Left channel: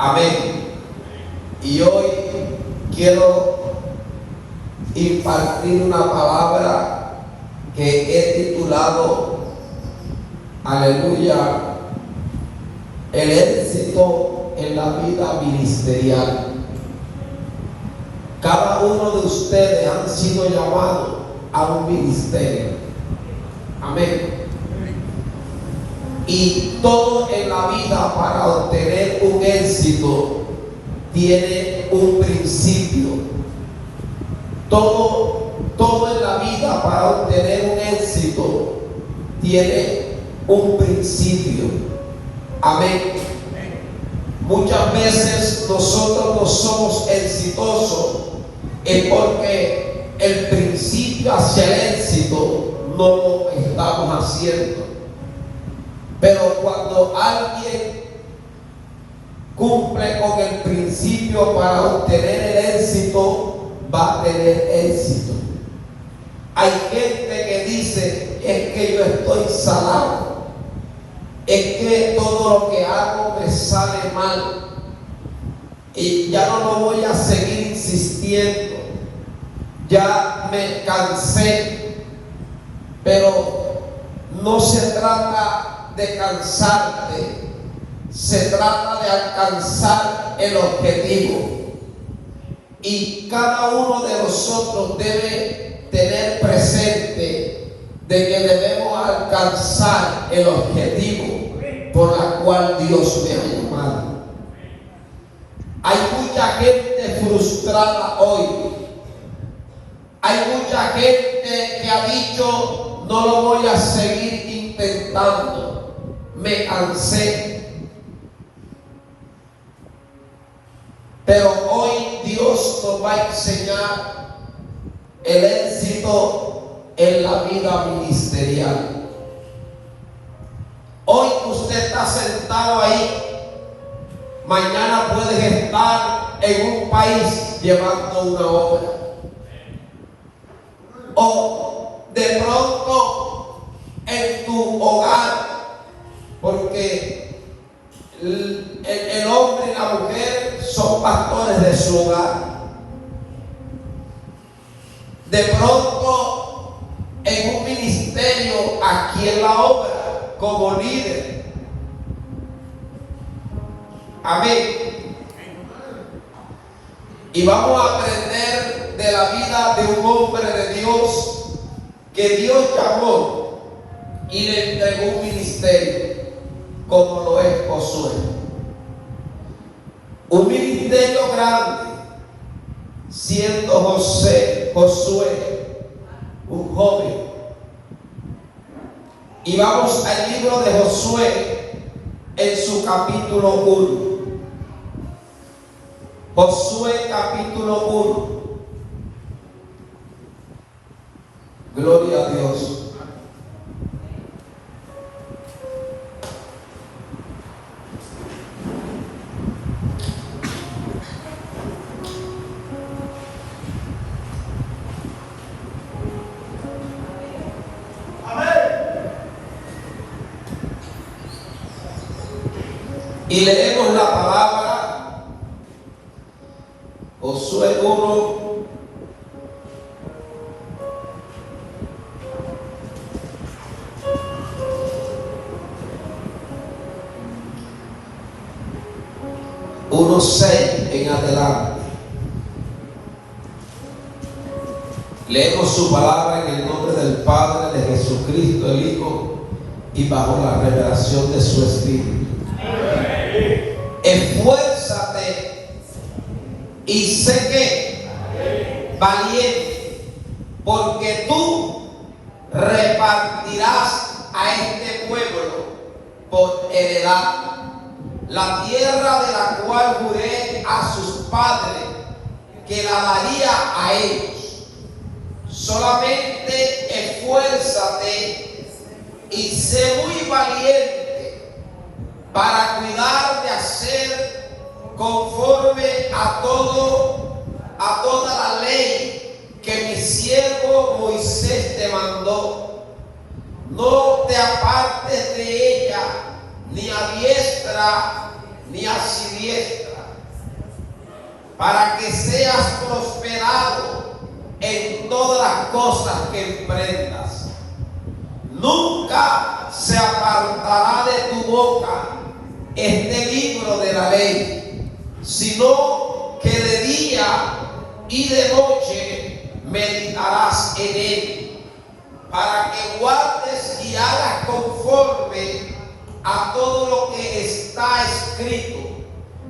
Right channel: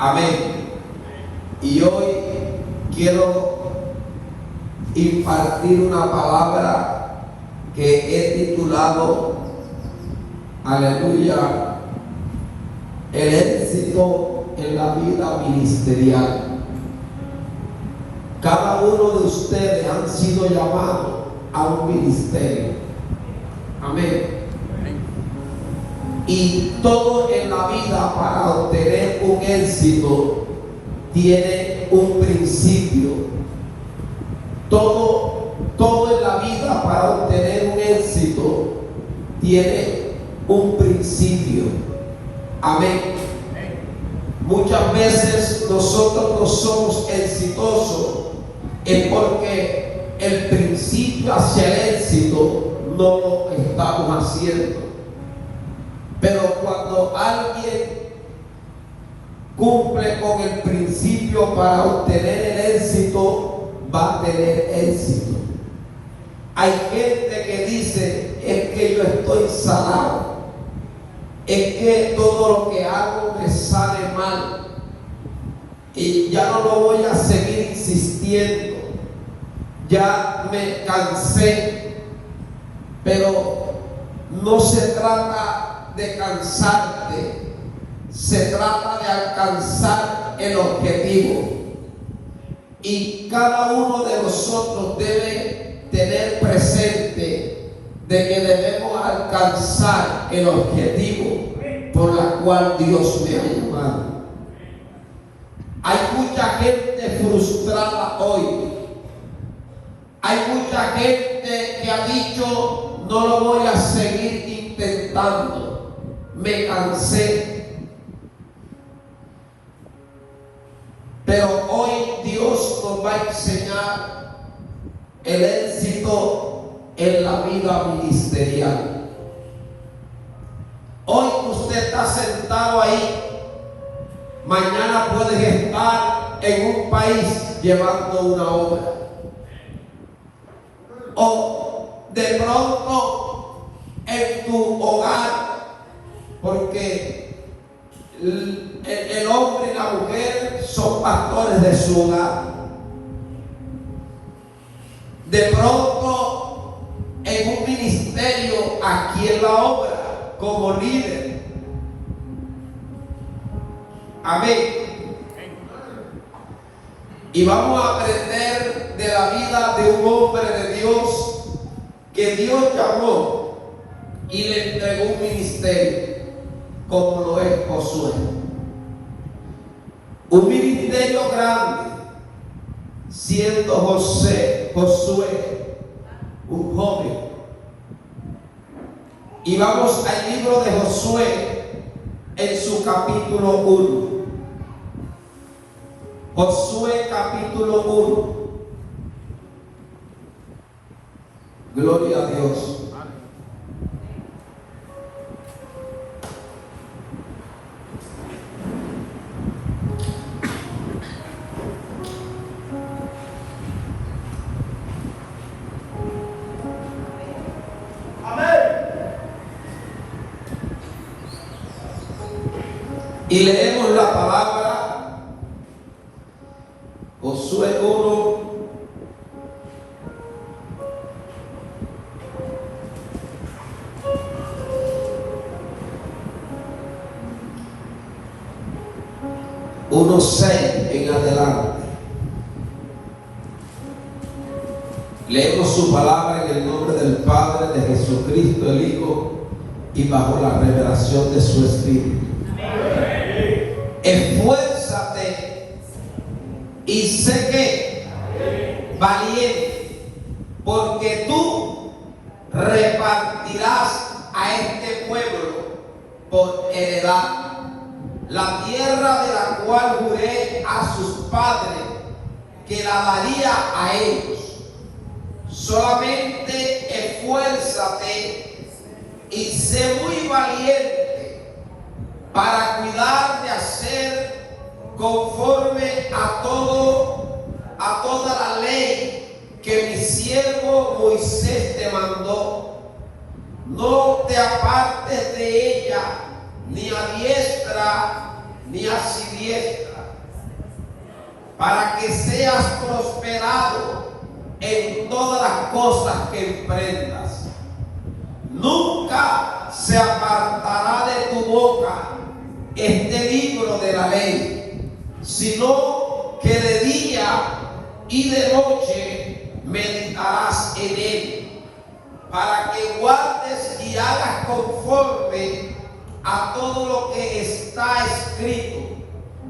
Amén. Y hoy quiero impartir una palabra que he titulado, aleluya, el éxito en la vida ministerial. Cada uno de ustedes han sido llamados a un ministerio. Amén. Y todo en la vida, para obtener un éxito, tiene un principio. Todo en la vida, para obtener un éxito, tiene un principio. Amén. Muchas veces nosotros no somos exitosos porque el principio hacia el éxito no lo estamos haciendo. Pero cuando alguien cumple con el principio para obtener el éxito, va a tener éxito. Hay gente que dice: es que yo estoy salado, es que todo lo que hago me sale mal y ya no lo voy a seguir insistiendo, ya me cansé. Pero no se trata de cansarte, se trata de alcanzar el objetivo. Y cada uno de nosotros debe tener presente de que debemos alcanzar el objetivo por el cual Dios me ha llamado. Hay mucha gente frustrada hoy. Hay mucha gente que ha dicho: no lo voy a seguir intentando, me cansé. Pero hoy Dios nos va a enseñar el éxito en la vida ministerial. Hoy usted está sentado ahí, mañana puedes estar en un país llevando una obra, o de pronto en tu hogar, porque el hombre y la mujer son pastores de su hogar. De pronto en un ministerio aquí en la obra como líder. Amén. Y vamos a aprender de la vida de un hombre de Dios que Dios llamó y le entregó un ministerio, como lo es Josué. Un ministerio grande, siendo Josué un joven. Y vamos al libro de Josué en su capítulo 1. Josué capítulo 1. Gloria a Dios. Y leemos la palabra, Josué 1, uno 6 en adelante. Leemos su palabra en el nombre del Padre, de Jesucristo el Hijo, y bajo la revelación de su Espíritu. Esfuérzate y sé que valiente, porque tú repartirás a este pueblo por heredad la tierra de la cual juré a sus padres que la daría a ellos. Solamente esfuérzate y sé muy valiente para cuidar de hacer conforme a toda la ley que mi siervo Moisés te mandó. No te apartes de ella, ni a diestra ni a siniestra, para que seas prosperado en todas las cosas que emprendas. Nunca se apartará de tu boca este libro de la ley, sino que de día y de noche meditarás en él, para que guardes y hagas conforme a todo lo que está escrito,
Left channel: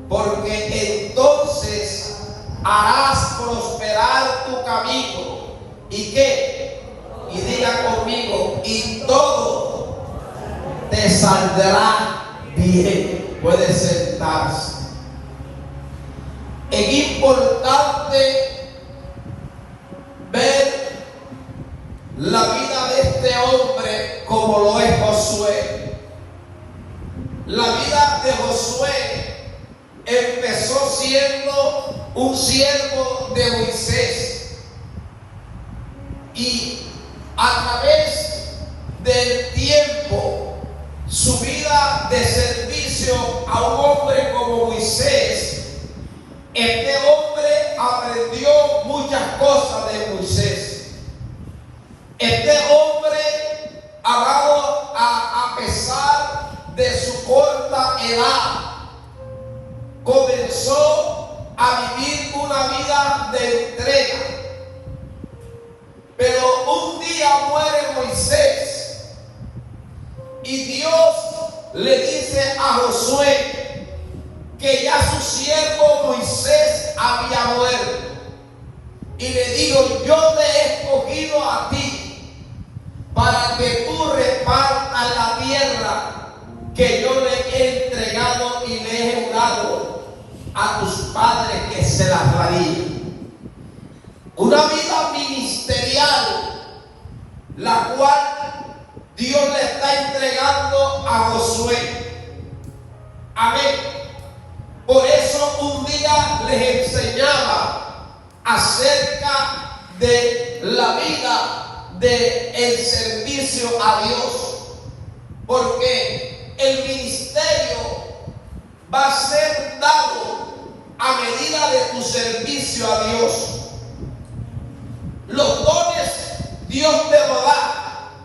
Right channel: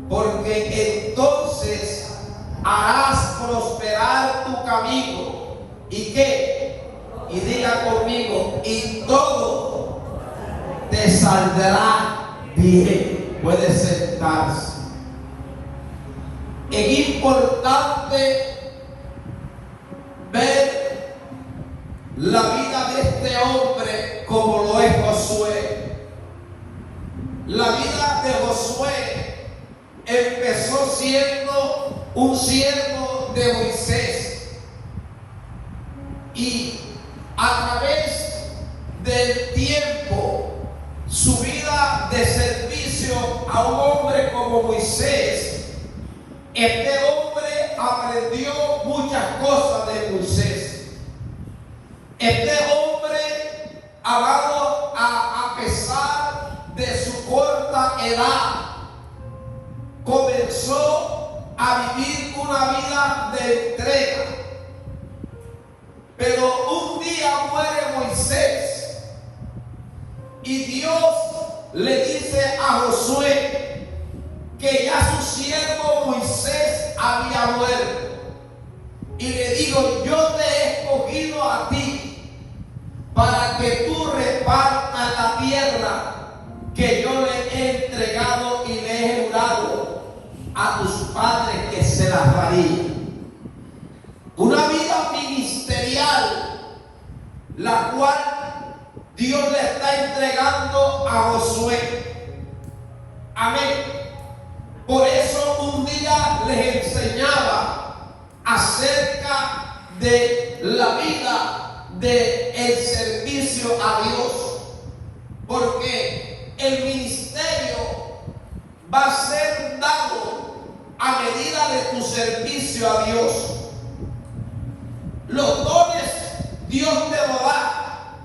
porque entonces harás prosperar tu camino. ¿Y qué? Y diga conmigo, y todo te saldrá bien. Puede sentarse. Es importante ver la vida de este hombre como lo es Josué. La vida de Josué empezó siendo un siervo de Moisés, y a través del tiempo, su vida de servicio a un hombre como Moisés, este hombre aprendió muchas cosas de Moisés. Este hombre, amado, a pesar de su corta edad, comenzó a vivir una vida de entrega. Pero un día muere Moisés y Dios le dice a Josué que ya su siervo Moisés había muerto, y le dijo: yo te he escogido a ti para que tú repartas la tierra que yo le he entregado y le he jurado a tus padres que se las daría. Una vida ministerial, la cual Dios le está entregando a Josué. Amén. Por eso un día les enseñaba acerca de la vida del servicio a Dios, porque el ministerio va a ser dado a medida de tu servicio a Dios. Los dones Dios te lo da.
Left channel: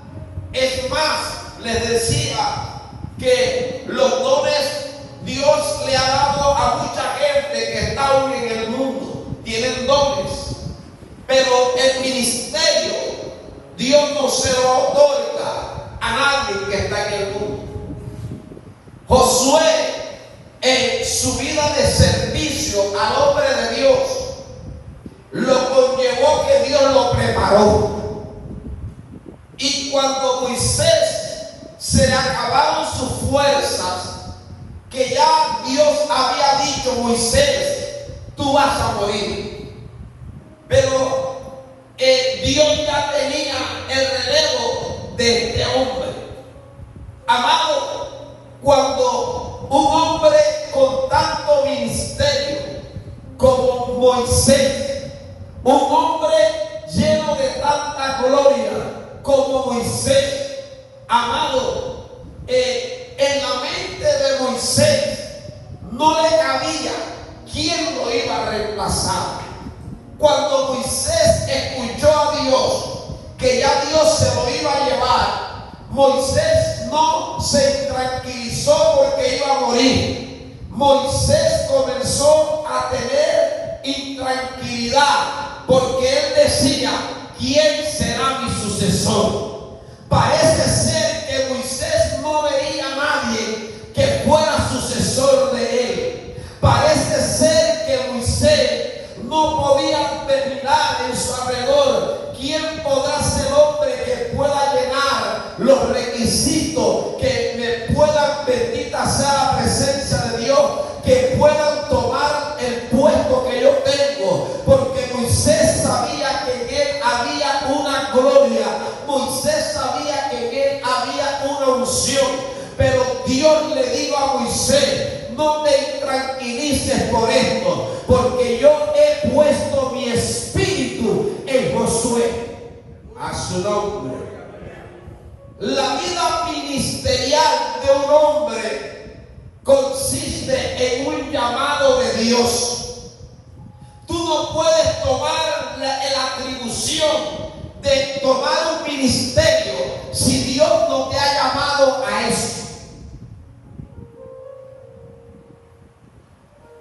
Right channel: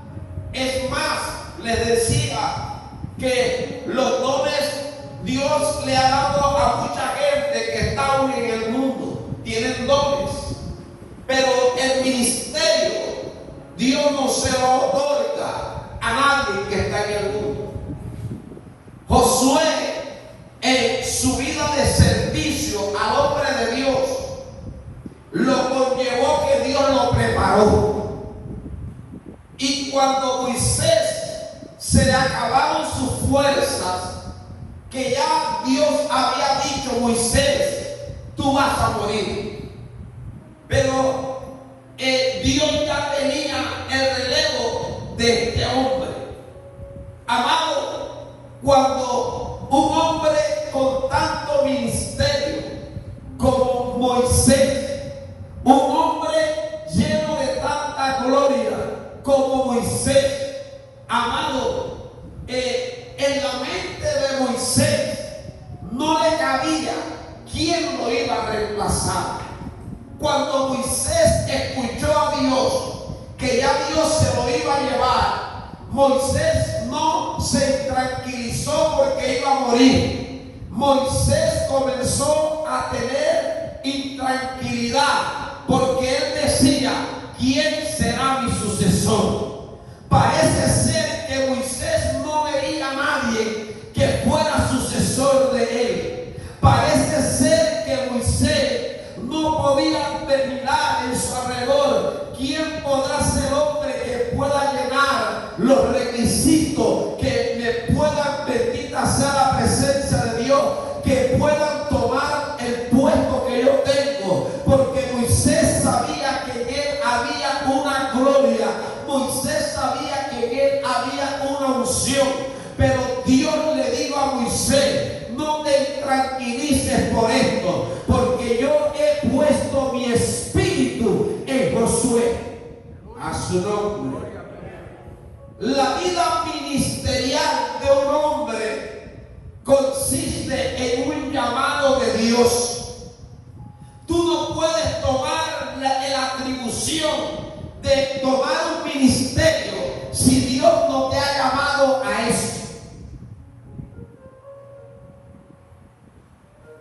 Es más, les decía que los dones Dios le ha dado a mucha gente que está aún en el mundo. Tienen dones, pero el ministerio Dios no se lo otorga a nadie que está en el mundo. Josué, en su vida de servicio al hombre de Dios, lo conllevó que Dios lo preparó. Y cuando Moisés se le acabaron sus fuerzas, que ya Dios había dicho: Moisés, tú vas a morir. Pero Dios ya tenía el relevo de este hombre. Amado, cuando un hombre con tanto ministerio como Moisés, un hombre lleno de tanta gloria como Moisés, amado, en la mente de Moisés no le cabía quién lo iba a reemplazar. Cuando Moisés escuchó a Dios que ya Dios se lo iba a llevar, Moisés no se tranquilizó porque iba a morir. Moisés comenzó a tener intranquilidad porque él decía: ¿quién será mi sucesor? Parece ser que Moisés no veía a nadie que fuera sucesor de él. Parece ser que Moisés no podía mirar en su alrededor quién podrá ser hombre que pueda llenar los requisitos, que me puedan, bendita sea la presencia de Dios, que puedan tomar el puesto que yo tengo, porque Moisés sabía que en él había una gloria. Moisés sabía que en él había una unción, pero Dios le dijo a Moisés: no te tranquilices por esto, porque yo he puesto mi espíritu en Josué. A su nombre. La vida ministerial de un hombre consiste en un llamado de Dios. decisión de tomar un ministerio si Dios no te ha llamado a eso?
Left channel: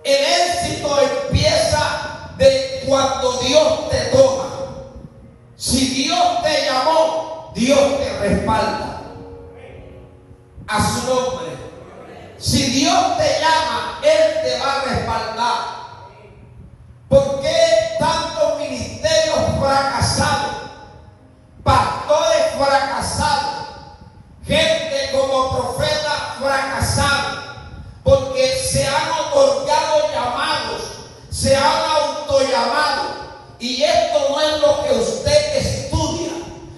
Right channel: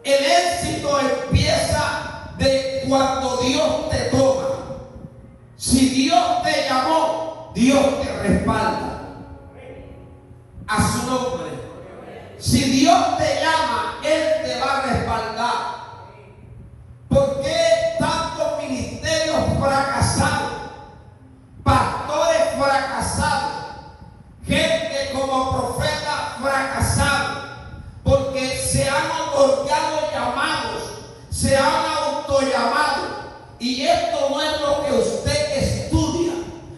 El éxito empieza de cuando Dios te toma. Si Dios te llamó, Dios te respalda. A su nombre. Si Dios te llama, Él te va a respaldar. ¿Por qué tantos ministerios fracasados? Pastores fracasados. Gente como profeta fracasado. Porque se han otorgado llamados, se han autollamado. Y esto no es lo que usted estudia.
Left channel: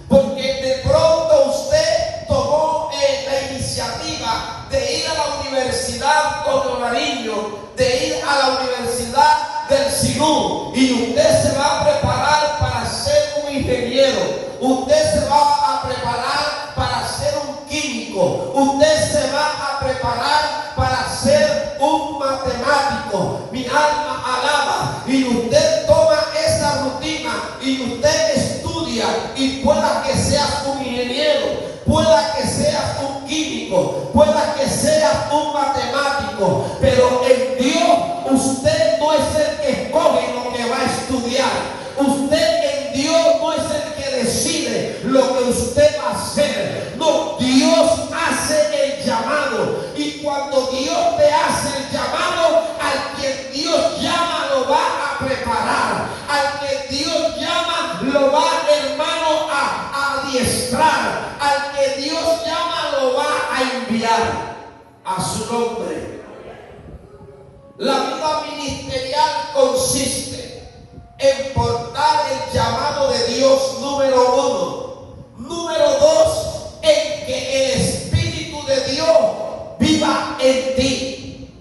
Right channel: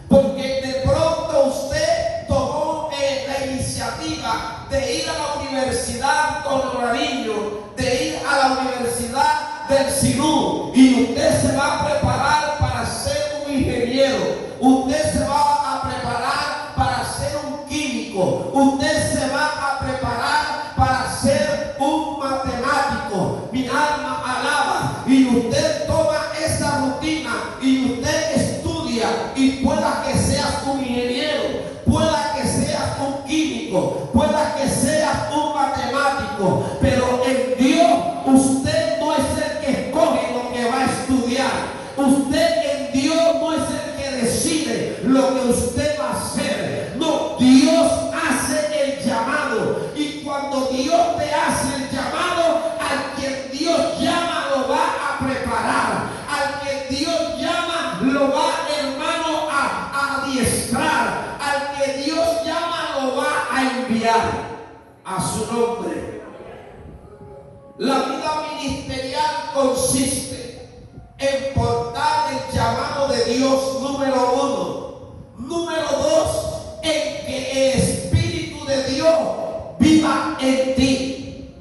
Porque de pronto usted tomó la iniciativa de ir a la Universidad Antonio Nariño, de ir a la Universidad del Sinú. Y usted se va a preparar para ser un ingeniero. Usted se va a preparar para ser un químico. Usted se va a preparar para ser un matemático. Mi alma alaba. Y usted toma esa rutina y usted estudia, y pueda que seas un ingeniero, pueda que seas un químico, pueda que seas un matemático, pero en Dios usted no es el que escoge lo que va a estudiar. Usted en Dios no es el que decide lo que usted va a hacer. No, Dios hace el llamado. Y cuando Dios te hace el llamado, al que Dios llama lo va a preparar. Al que Dios llama lo va, hermano, a adiestrar. Al que Dios llama lo va a enviar. A su nombre. La vida ministerial consiste en portar el llamado de Dios, número uno. Número dos, en que el Espíritu de Dios viva en ti.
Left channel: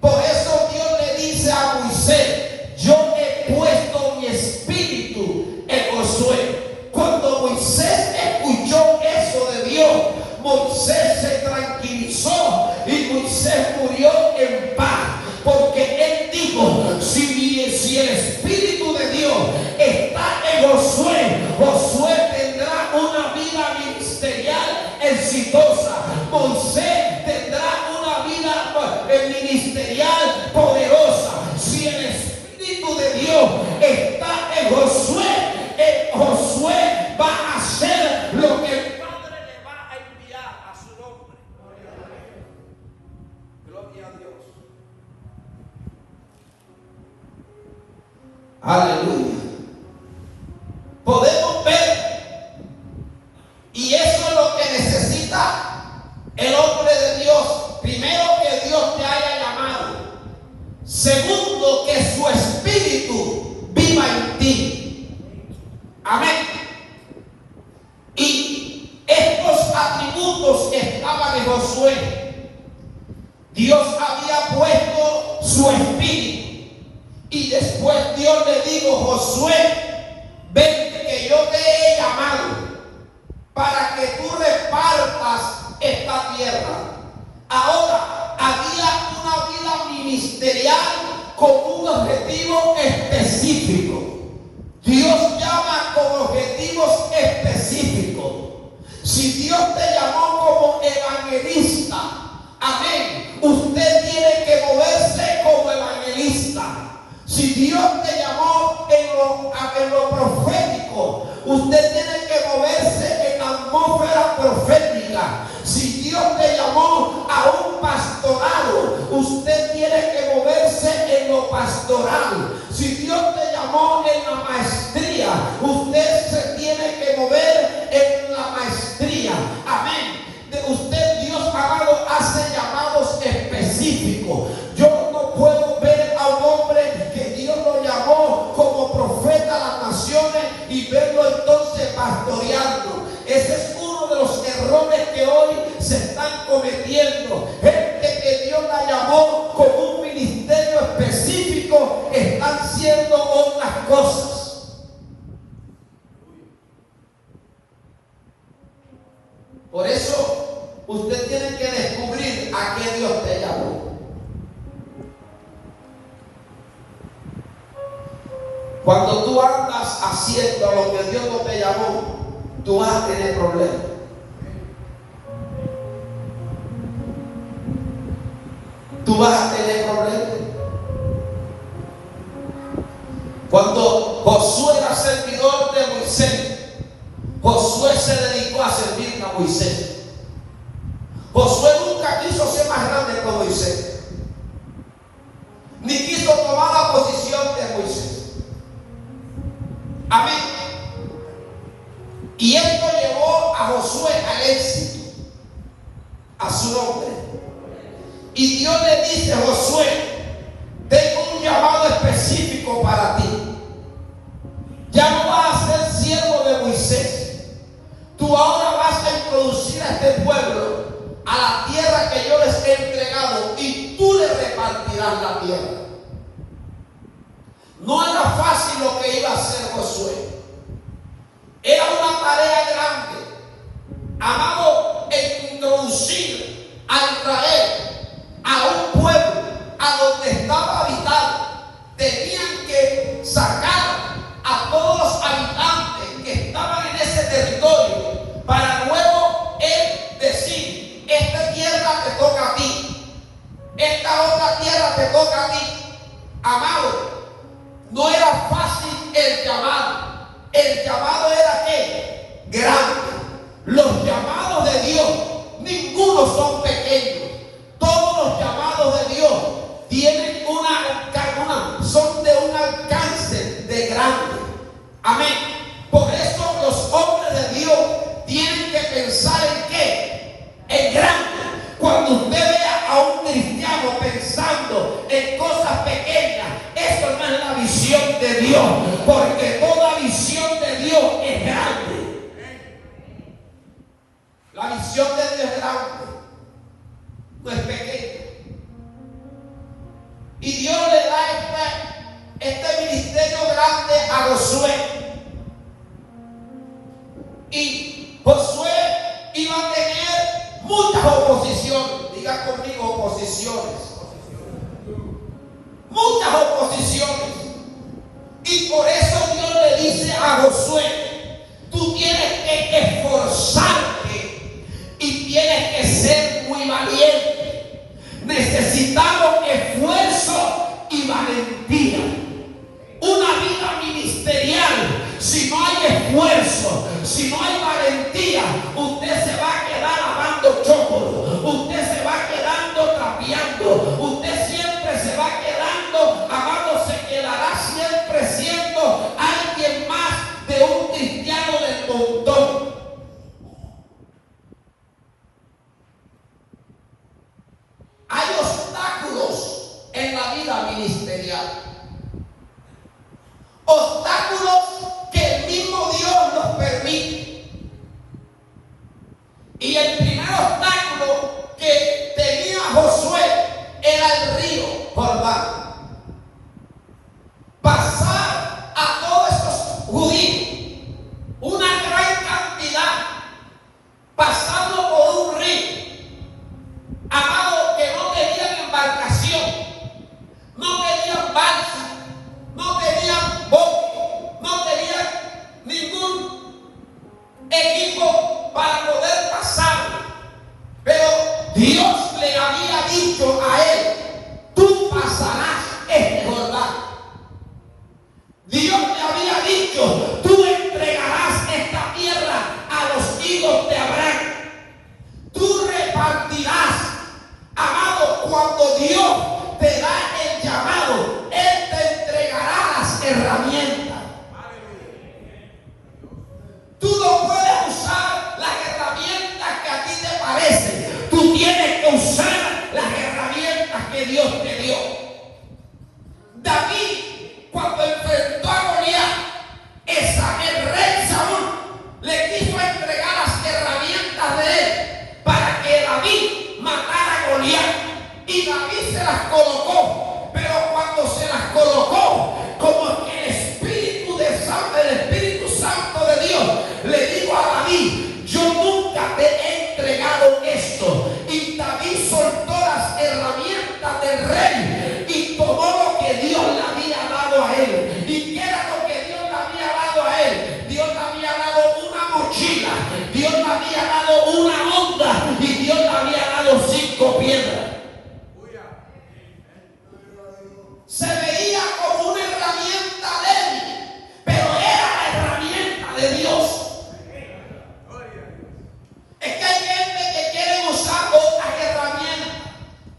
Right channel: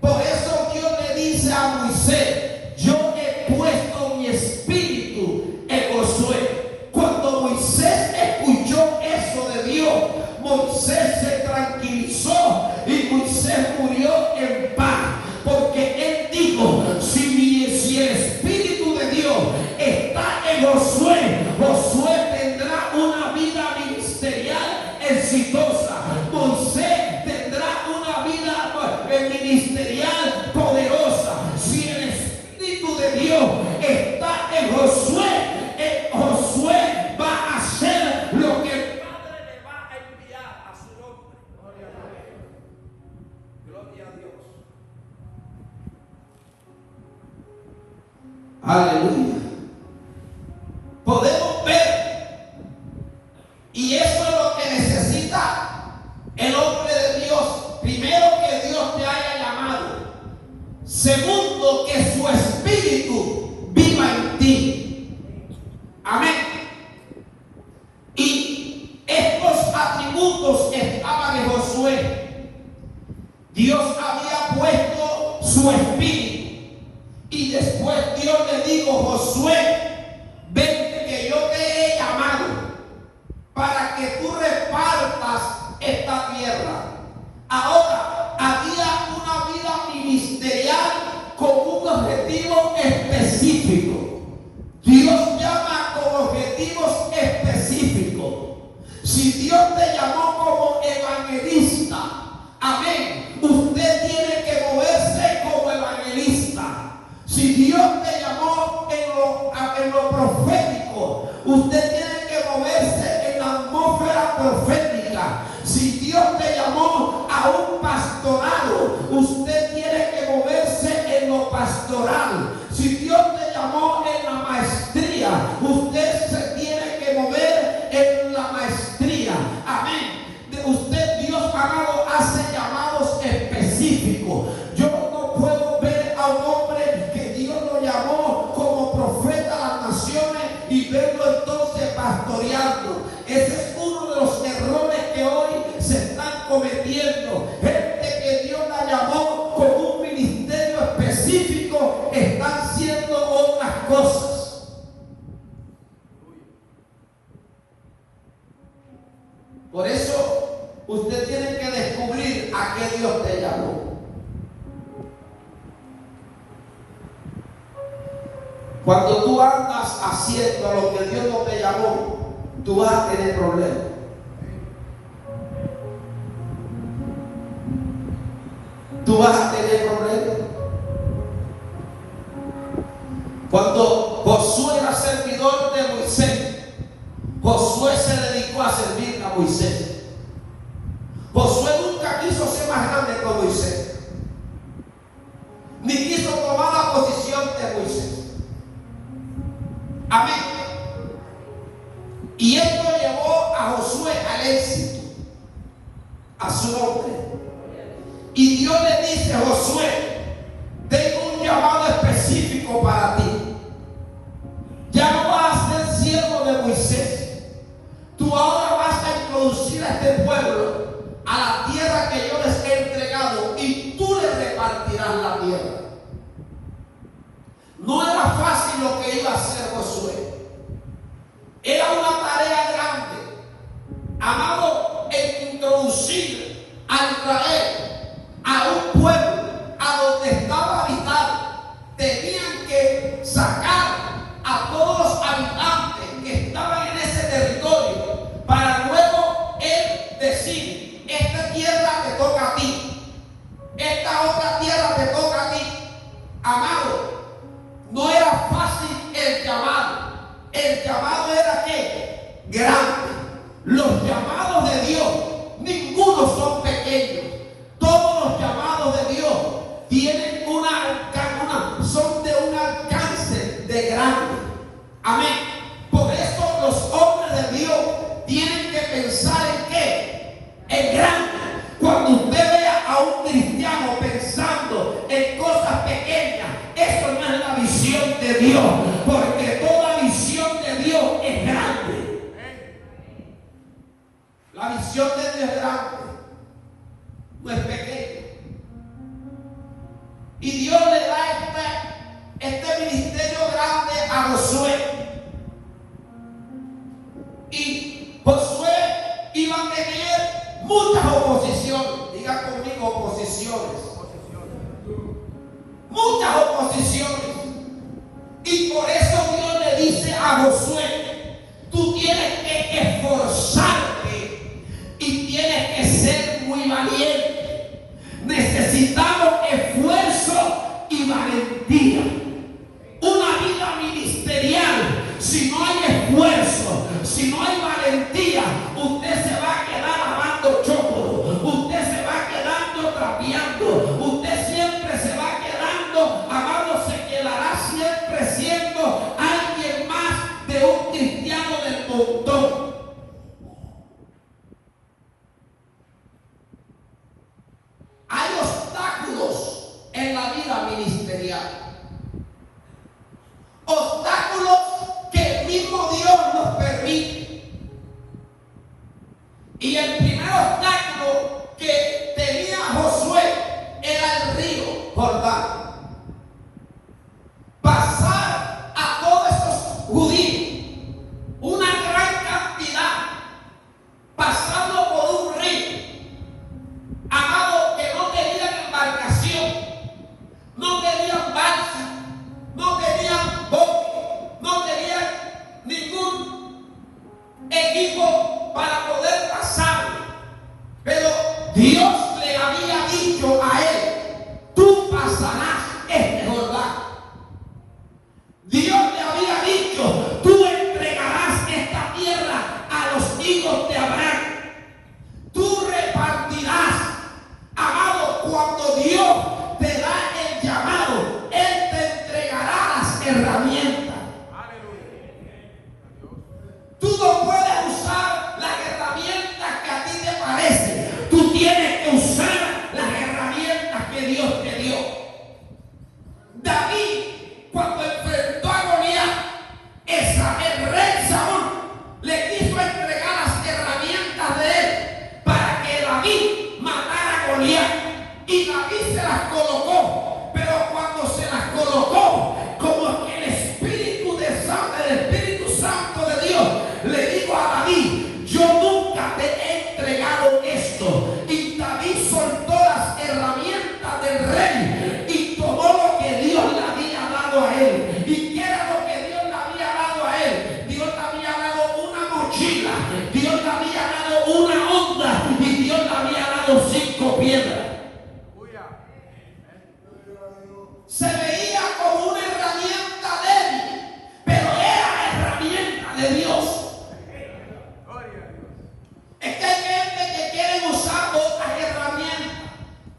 Por eso Dios le dice a Moisés: yo he puesto mi espíritu en Josué. Cuando Moisés escuchó eso de Dios, Moisés se tranquilizó y Moisés murió en paz. Porque él dijo: si el Espíritu de Dios está en Josué, Josué tendrá una vida ministerial exitosa. Moisés tendrá una vida ministerial poderosa. Si el Espíritu de Dios está en Josué, Josué va a hacer lo que el Padre le va a enviar a su nombre. Gloria a Dios. Aleluya. Podemos ver, y eso es lo que necesita el hombre de Dios. Primero, que Dios te haya llamado. Segundo, que su espíritu viva en ti. Amén. Y estos atributos estaban en Josué. Dios había puesto su espíritu. Y después Dios le dijo: Josué, ven que yo te he llamado para que tú repartas esta tierra. Ahora, había una vida ministerial con un objetivo específico. Dios llama con objetivos específicos. Si Dios te llamó como evangelista, amén, usted tiene que moverse como evangelista. Si Dios te llamó en lo profético, usted tiene que moverse en la atmósfera profética. Si Dios te llamó a un pastorado, usted tiene que moverse en lo pastoral. Si Dios te llamó en la maestría, usted se tiene que mover en la maestría. Amén. Usted, Dios amado, hace llamados específicos. Yo no puedo ver a un hombre que Dios lo llamó como profeta a las naciones y verlo entonces pastoreando. Ese es uno de los errores que hoy se están cometiendo. Gente que Dios la llamó con un ministerio específico están haciendo otras cosas. Por eso usted tiene que descubrir a qué Dios te llamó. Cuando tú andas haciendo lo que Dios no te llamó, tú vas a tener problemas. Tú vas a tener problemas. Cuando Josué era servidor de Moisés, Josué se dedicó a servir a Moisés. Josué nunca quiso ser más grande que Moisés, ni quiso tomar la posición de Moisés. Amén. Y esto llevó a Josué al éxito, a su nombre. Y Dios le dice: Josué, tengo un llamado específico para ti. Ya no vas a ser siervo de Moisés. Tú ahora vas a introducir a este pueblo a la tierra que yo les he entregado, y tú les repartirás la tierra. No era fácil lo que iba a hacer Josué. Era una tarea grande, amado, en introducir a Israel a un pueblo a donde estaba habitado. Tenían que sacar a todos los habitantes que estaban en ese territorio para luego él decir: esta tierra te toca a ti, esta otra tierra te toca a ti. Amado, no era fácil el llamado. El llamado era ¿qué? Grande. Los llamados de Dios, ninguno son pequeños. Todos los llamados de Dios tienen son de un alcance de grande. Amén. Por eso los hombres de Dios tienen que pensar en ¿qué? En grande. Cuando usted vea a un cristiano pensando en cosas pequeñas, eso no es la visión de Dios, porque toda visión de Dios es grande. La visión de Dios es grande, no es pequeña. Y Dios le da este ministerio grande a Josué. Y Josué iba a tener muchas oposiciones. Diga conmigo: oposiciones. Muchas oposiciones. Y por eso Dios le dice a Josué: tú tienes que esforzarte y tienes que ser muy valiente. Necesitamos esfuerzo y valentía. Una vida ministerial, si no hay esfuerzo, si no hay valentía, usted se va a quedar amando chócolo, usted se va quedando trapeando, usted siempre se va quedando, amado, se quedará siempre siendo alguien más de un cristiano del montón. Hay obstáculos en la vida ministerial. Obstáculos que el mismo Dios nos permite. Y el primer obstáculo que tenía Josué era el río Jordán. Pasar a todos esos judíos, una gran cantidad, pasando por un río, amado, que no tenían embarcación, no tenían balsa, no tenían bote, no tenían ningún equipo para poder pasar. Pero Dios le había dicho a él: tú pasarás este Jordán. Dios le había dicho: tú se veía como una herramienta débil, pero era la herramienta de Dios. Es que hay gente que quiere usar otras herramientas.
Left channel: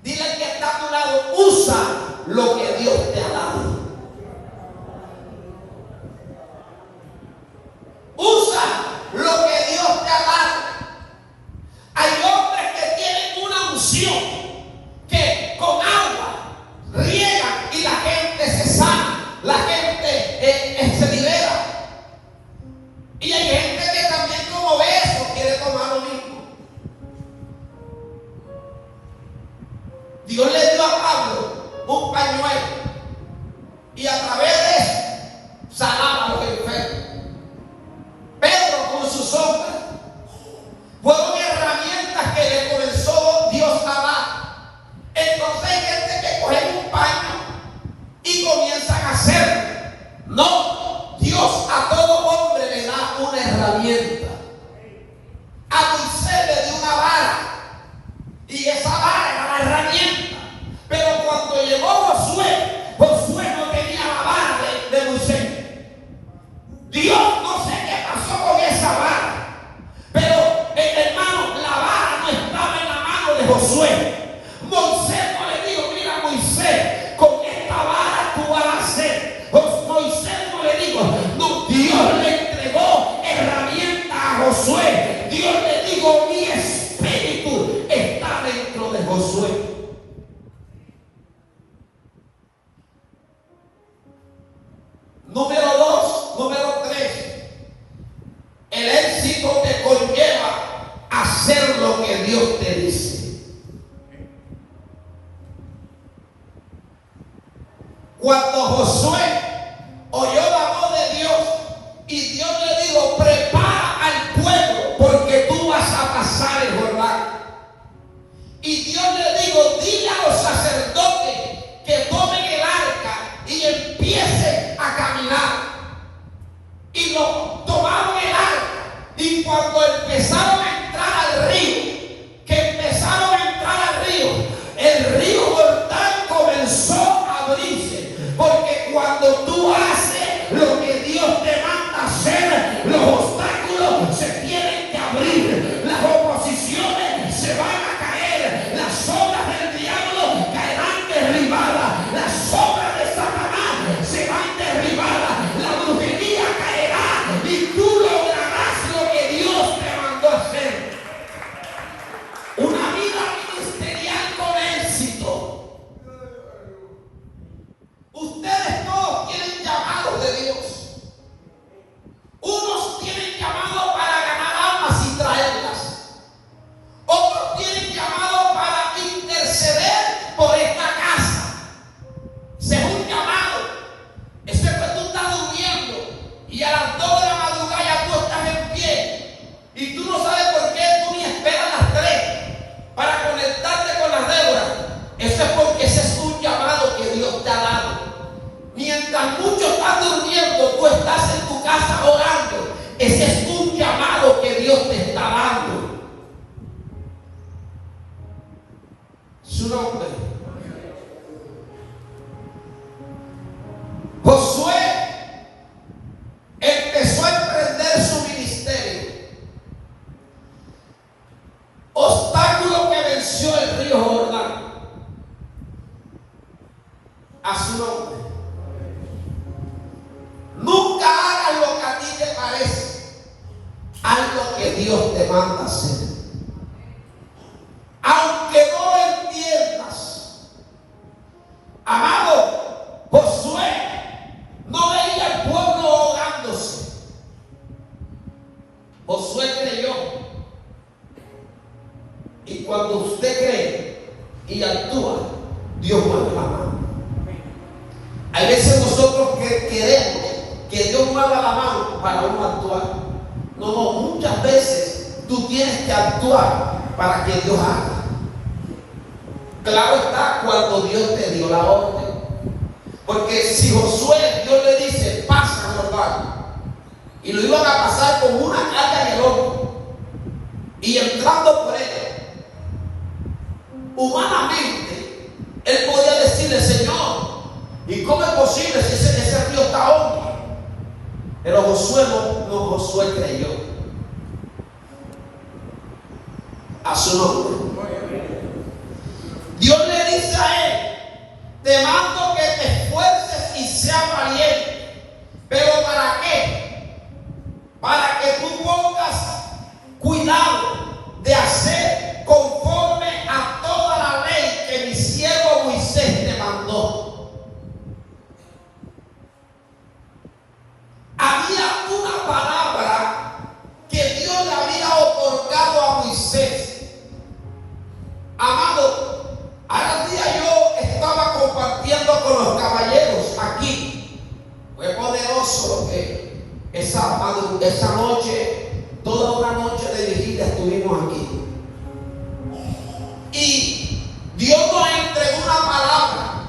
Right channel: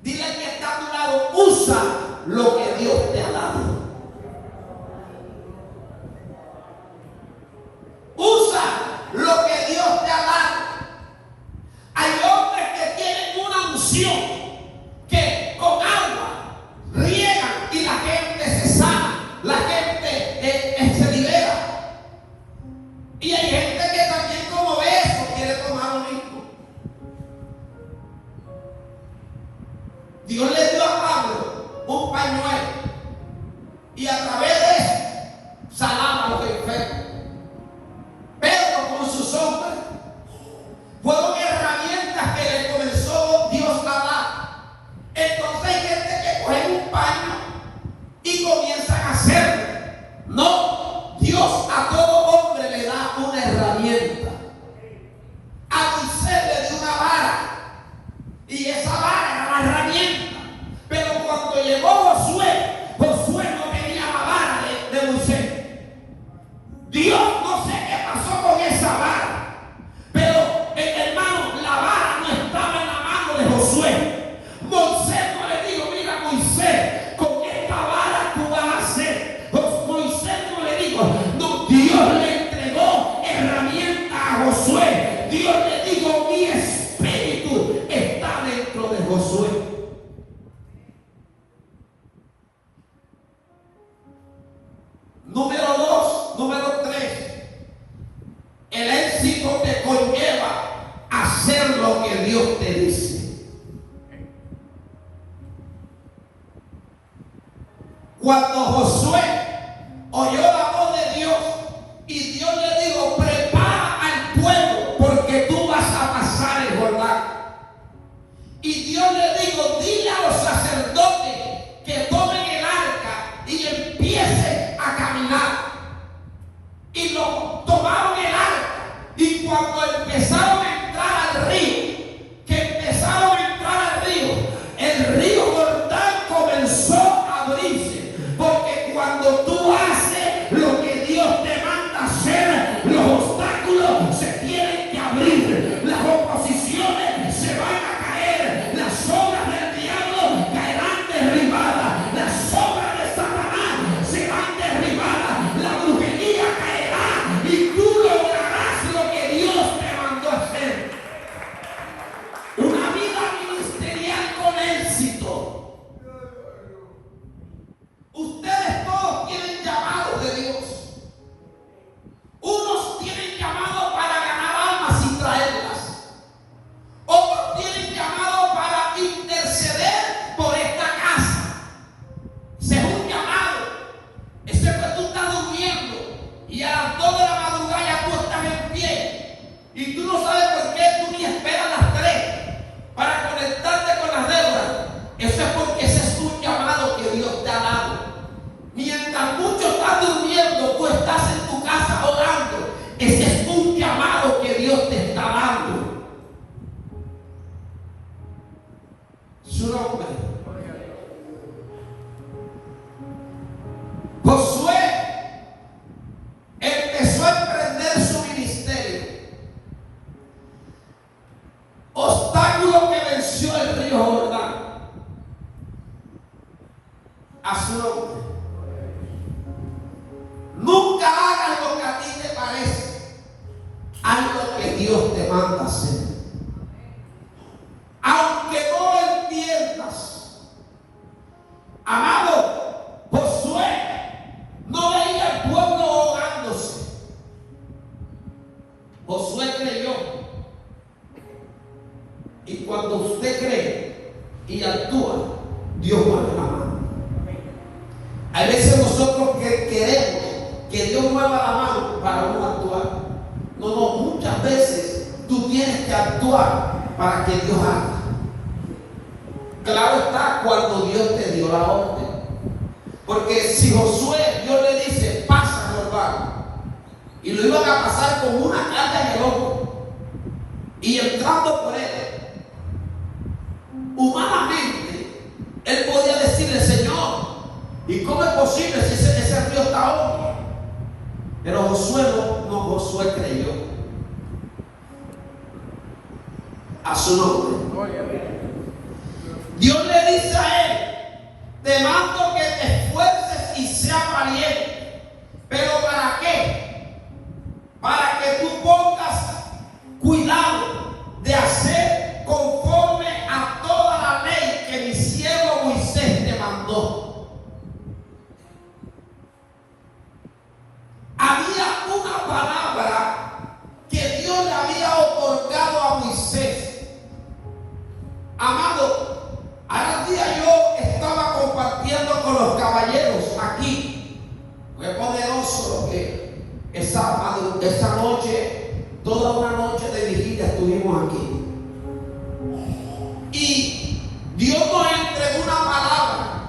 Dile al que está a tu lado, usa lo que Dios te ha dado. Usa lo que Dios te ha dado. Hay hombres que tienen una unción que con agua riegan y la gente se sana, la gente se libera. Y hay gente que también, como ve eso, quiere tomar lo mismo. Dios le dio a Pablo un pañuelo y a través de eso sanaba a los enfermos. Pedro con su sombra fueron herramientas que le comenzó Dios a dar. Entonces hay gente que coge un paño y comienzan a hacerlo. No, Dios a todo hombre le da una herramienta. A Moisés le dio una vara y esa vara era la herramienta. Pero cuando llegó Josué, Josué no tenía la vara de Moisés. Dios no sé qué pasó con esa vara, pero hermano, la vara no estaba en la mano de Josué. Moisés no le dijo, mira Moisés, con esta vara tú vas a hacer. Moisés no le dijo, no, Dios le entregó herramientas a Josué. Dios le dijo, mi espíritu está dentro de Josué. Número 2, número 3. El éxito te conlleva a hacer lo que Dios te dice. Cuando Josué oyó la voz de Dios y Dios le dijo, prepara al pueblo porque tú vas a pasar el Jordán. Y Dios le dijo, dile a los sacerdotes que tomen el arca y empiecen a caminar. Y lo tomaron el arca. Y cuando empezaron a entrar al río, el río Jordán comenzó a abrirse. Porque cuando tú haces lo que Dios te manda hacer, los obstáculos se tienen que abrir, las oposiciones se van a caer, las obras del diablo caerán derribadas, las obras de Satanás serán derribadas, la brujería caerá y tú lograrás lo que Dios te mandó hacer. Una vida ministerial con éxito. Ustedes todos tienen llamado de Dios. Unos tienen llamado para ganar almas y traerlas. Otros tienen llamado para interceder por esta casa. Ese es un llamado. Eso es que tú estás durmiendo y a las 2 de la madrugada ya tú estás en pie. Y tú no sabes por qué tú ni esperas las 3 para conectarte con las Déboras. Eso es porque ese es un llamado que Dios te ha dado. Mientras muchos están durmiendo, tú estás en tu casa orando. Ese es un llamado que Dios te está dando. Su nombre. Josué empezó a emprender su ministerio. Obstáculo que venció el río Jordán. A su nombre. Nunca hagas lo que a ti te parece. Haz lo que Dios te manda hacer. Aunque no lo entiendas. Amado, Josué no veía al pueblo ahogándose. Josué creyó. Y cuando usted cree y actúa, Dios mueve la mano. A veces nosotros queremos que Dios mueva la mano para uno actuar. No, muchas veces tú tienes que actuar para que Dios haga. Claro está, cuando Dios te dio la orden. Porque si Josué, Dios le dice, pasa el Jordán, y lo iban a pasar con una carga en el hombro, y entrando por él, humanamente, él podía decirle, Señor, ¿Y cómo es posible si ese río está hondo? Pero Josué creyó. A su nombre. Dios le dice a él: te mando que te esfuerces y seas valiente. ¿Pero para qué? Para que tú pongas cuidado de hacer conforme a toda la ley que mi siervo Moisés te mandó. Había una palabra que Dios le había otorgado a Moisés. Amado, al día yo estaba compartiendo con los caballeros aquí. Fue poderoso lo que esa noche, toda una noche de vigilia estuvimos aquí. Y Dios nos entregó una palabra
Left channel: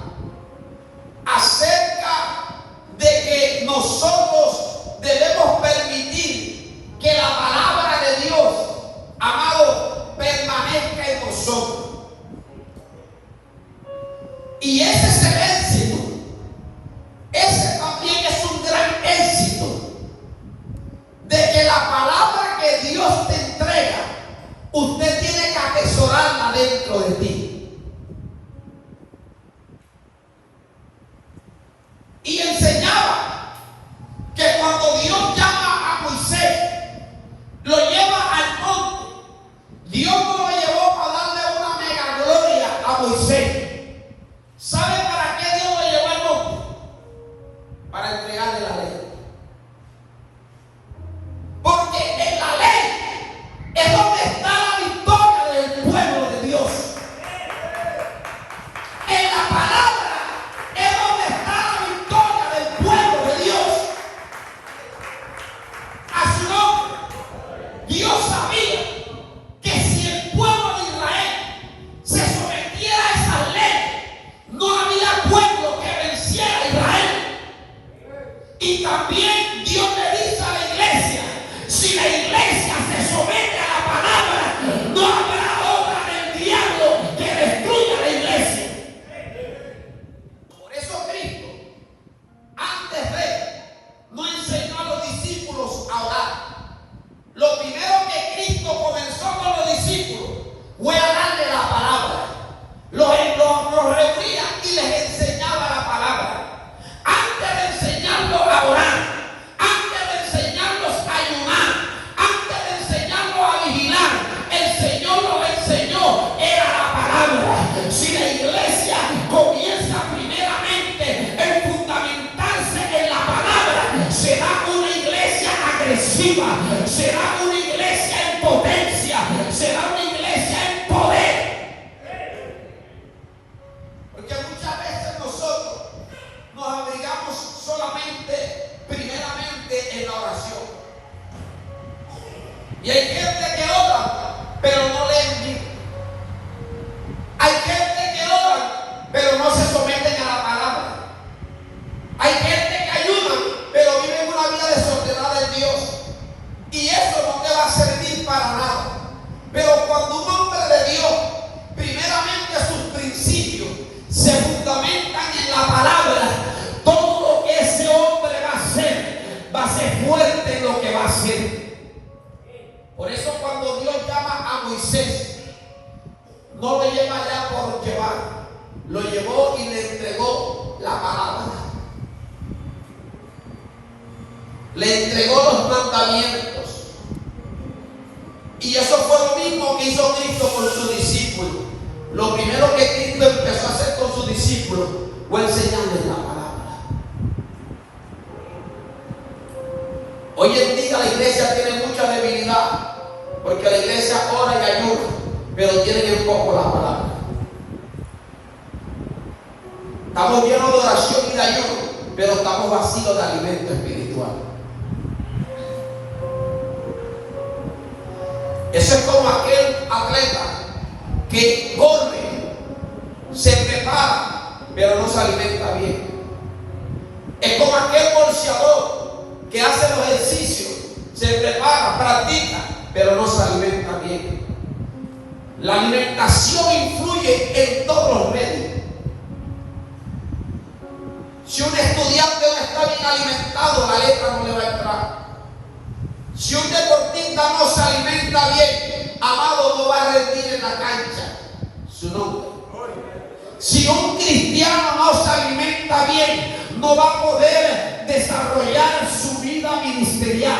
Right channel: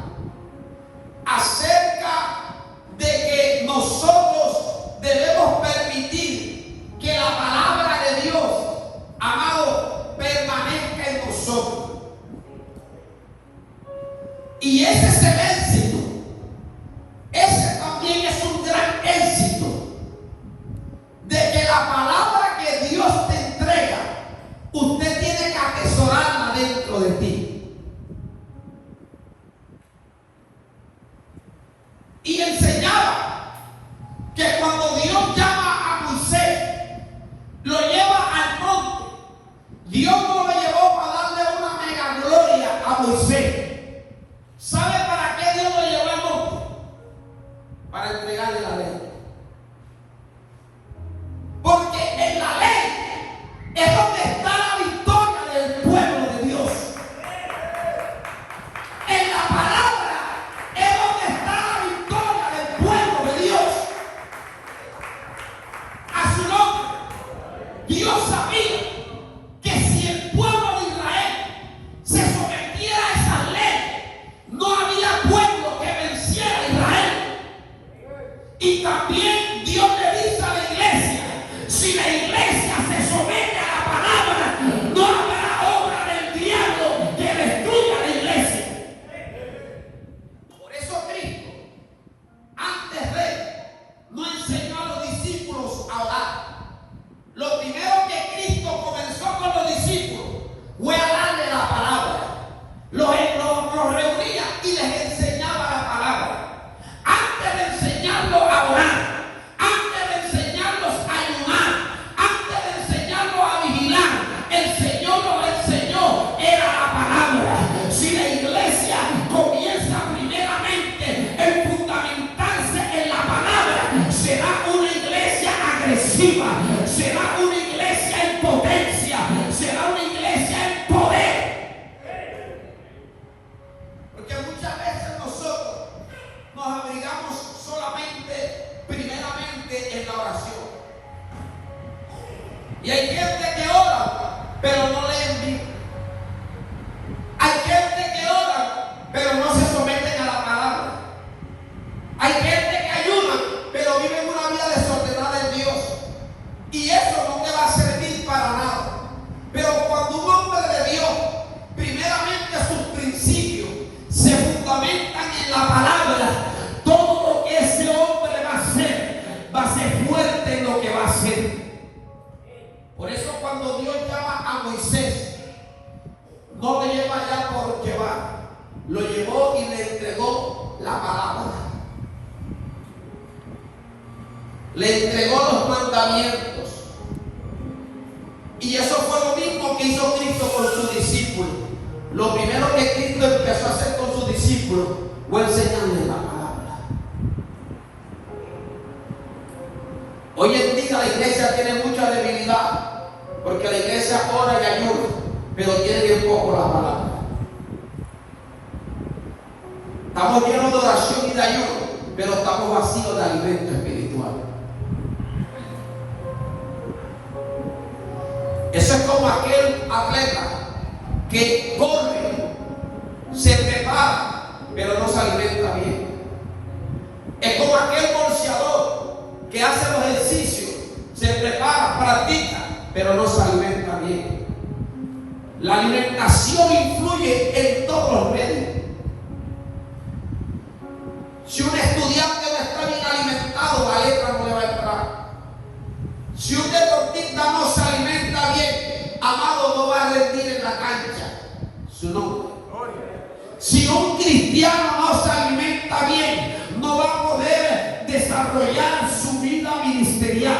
acerca de que nosotros debemos permitir que la palabra de Dios, amado, permanezca en nosotros. Y ese es el éxito. Ese también es un gran éxito. De que la palabra que Dios te entrega, usted tiene que atesorarla dentro de ti. Y enseñaba que cuando Dios llama a Moisés, lo lleva al monte. Dios no lo llevó para darle una mega gloria a Moisés. ¿Sabe para qué Dios lo llevó al monte? Para entregarle la ley. Porque en la ley es donde está la victoria del pueblo de Dios. En la palabra es donde está la victoria del pueblo de Dios. A su nombre. Dios sabía que si el pueblo de Israel se sometiera a esa ley, no había pueblo que venciera a Israel. Y también Dios le dice a la iglesia: si la iglesia se somete a la palabra, no habrá obra del diablo que destruya la iglesia. Por eso Cristo, antes de, no enseñó a los discípulos a orar. Lo primero que Cristo comenzó con los discípulos fue a darle la palabra. Los reunía y les enseñaba la palabra. Antes de enseñarlos a orar, antes de enseñarlos a ayunar, antes de enseñarlos a vigilar, el Señor los enseñó, era la palabra. Si la iglesia comienza primeramente en fundamentarse en la palabra, será una iglesia agresiva, será una iglesia en potencia, será una iglesia en poder. Porque muchas veces nosotros nos abrigamos solamente, primeramente, en la oración. Y hay gente que ora, pero no leen Biblia. Hay gente que ora, pero no se someten a la palabra. Hay gente que ayuda, pero viven una vida desordenada en Dios. Y eso no te va a servir para nada. Pero cuando un hombre de Dios, primeramente sus principios se fundamentan en la palabra, todo lo que ese hombre va a ser fuerte en lo que va a hacer. Por eso cuando Dios llama a Moisés, no lo lleva ya por llevar, lo llevó y le entregó la palabra. Le entregó los mandamientos. Y eso fue lo mismo que hizo Cristo con sus discípulos. Lo primero que Cristo empezó a hacer con sus discípulos fue enseñarles la palabra. Hoy en día la iglesia tiene mucha debilidad, porque la iglesia ora y ayuda, pero tiene bien poco la palabra. Estamos llenos de oración y de ayuno, pero estamos vacíos de alimento espiritual. Eso es como aquel atleta que corre, se prepara, pero no se alimenta bien. Es como aquel bolseador que hace los ejercicios, se prepara, practica, pero no se alimenta bien. La alimentación influye en todos los medios. Si un estudiante no está bien alimentado, la letra no le va a entrar. Si un deportista no se alimenta bien, amado, no va a rendir en la cancha su nombre. Si un cristiano no se alimenta bien, no va a poder desarrollar su vida ministerial.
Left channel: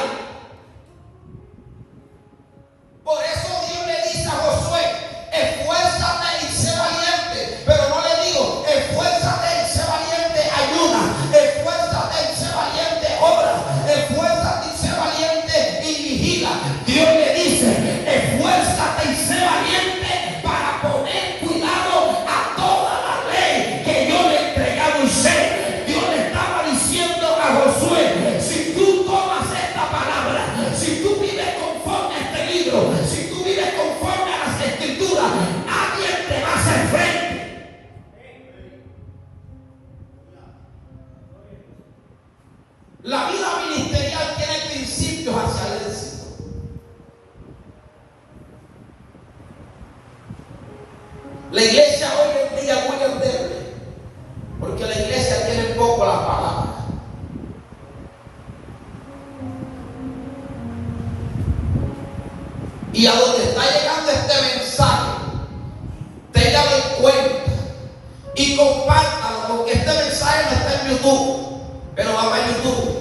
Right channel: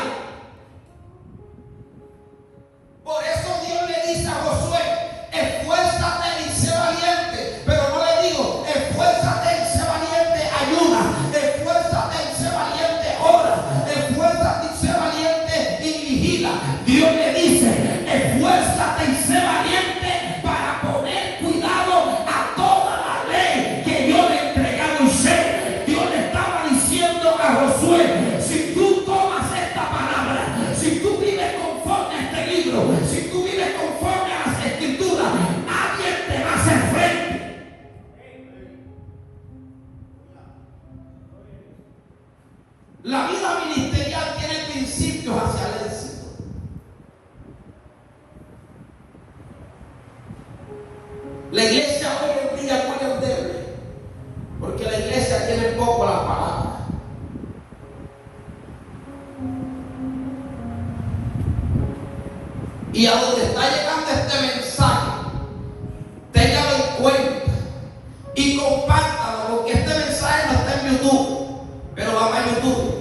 Por eso Dios le dice a Josué: esfuérzate y sé valiente. Pero no le digo: esfuérzate y sé valiente, ayuda. Esfuérzate y sé valiente, ora. Esfuérzate y sé valiente y vigila. Dios le dice: esfuérzate y sé valiente para poner cuidado a toda la ley que yo le he entregado a Moisés. Dios le estaba diciendo a Josué: si tú tomas esta palabra, si tú vives conforme a este libro, si tú vives conforme a las escrituras, nadie te va a hacer frente. La vida ministerial tiene principios hacia el éxito. La iglesia hoy en día es muy endeble, porque la iglesia tiene poco las palabras. Y a donde está llegando este mensaje, téngalo en cuenta y compártalo, porque este mensaje no está en YouTube, pero va para YouTube.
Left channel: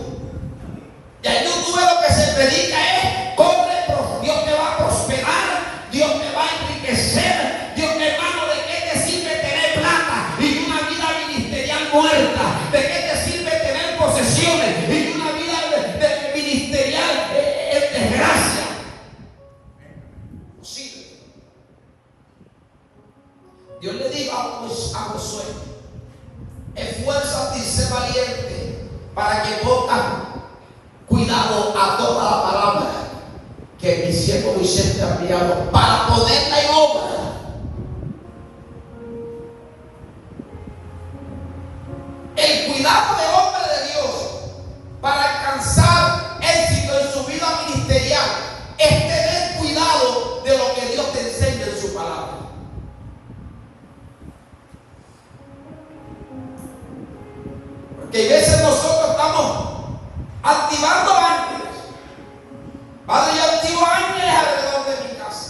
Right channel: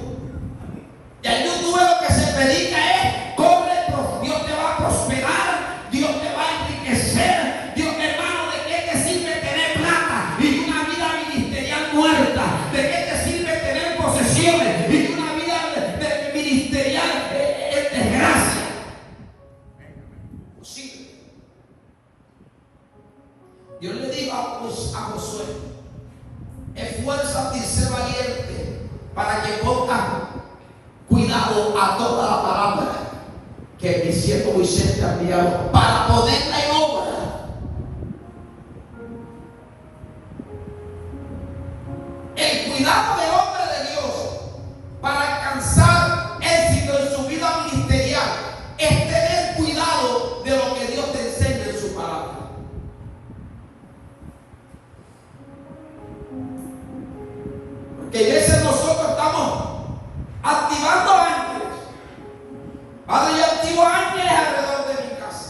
Y en YouTube lo que se predica es: corre, Dios te va a prosperar, Dios te va a enriquecer. Dios, hermano, ¿de qué te sirve tener plata y una vida ministerial muerta? ¿De qué te sirve tener posesiones y una vida de ministerial en desgracia? Sí. Dios le dijo a Josué: esfuérzate y sé valiente para que pongas cuidado a toda la palabra que mi siervo Moisés te ha enviado, para ponerla en obra. El cuidado del hombre de Dios para alcanzar éxito en su vida ministerial es tener cuidado de lo que Dios te enseña en su palabra. Porque a veces nosotros estamos activando ángeles. Padre, yo activo ángeles alrededor de mi casa.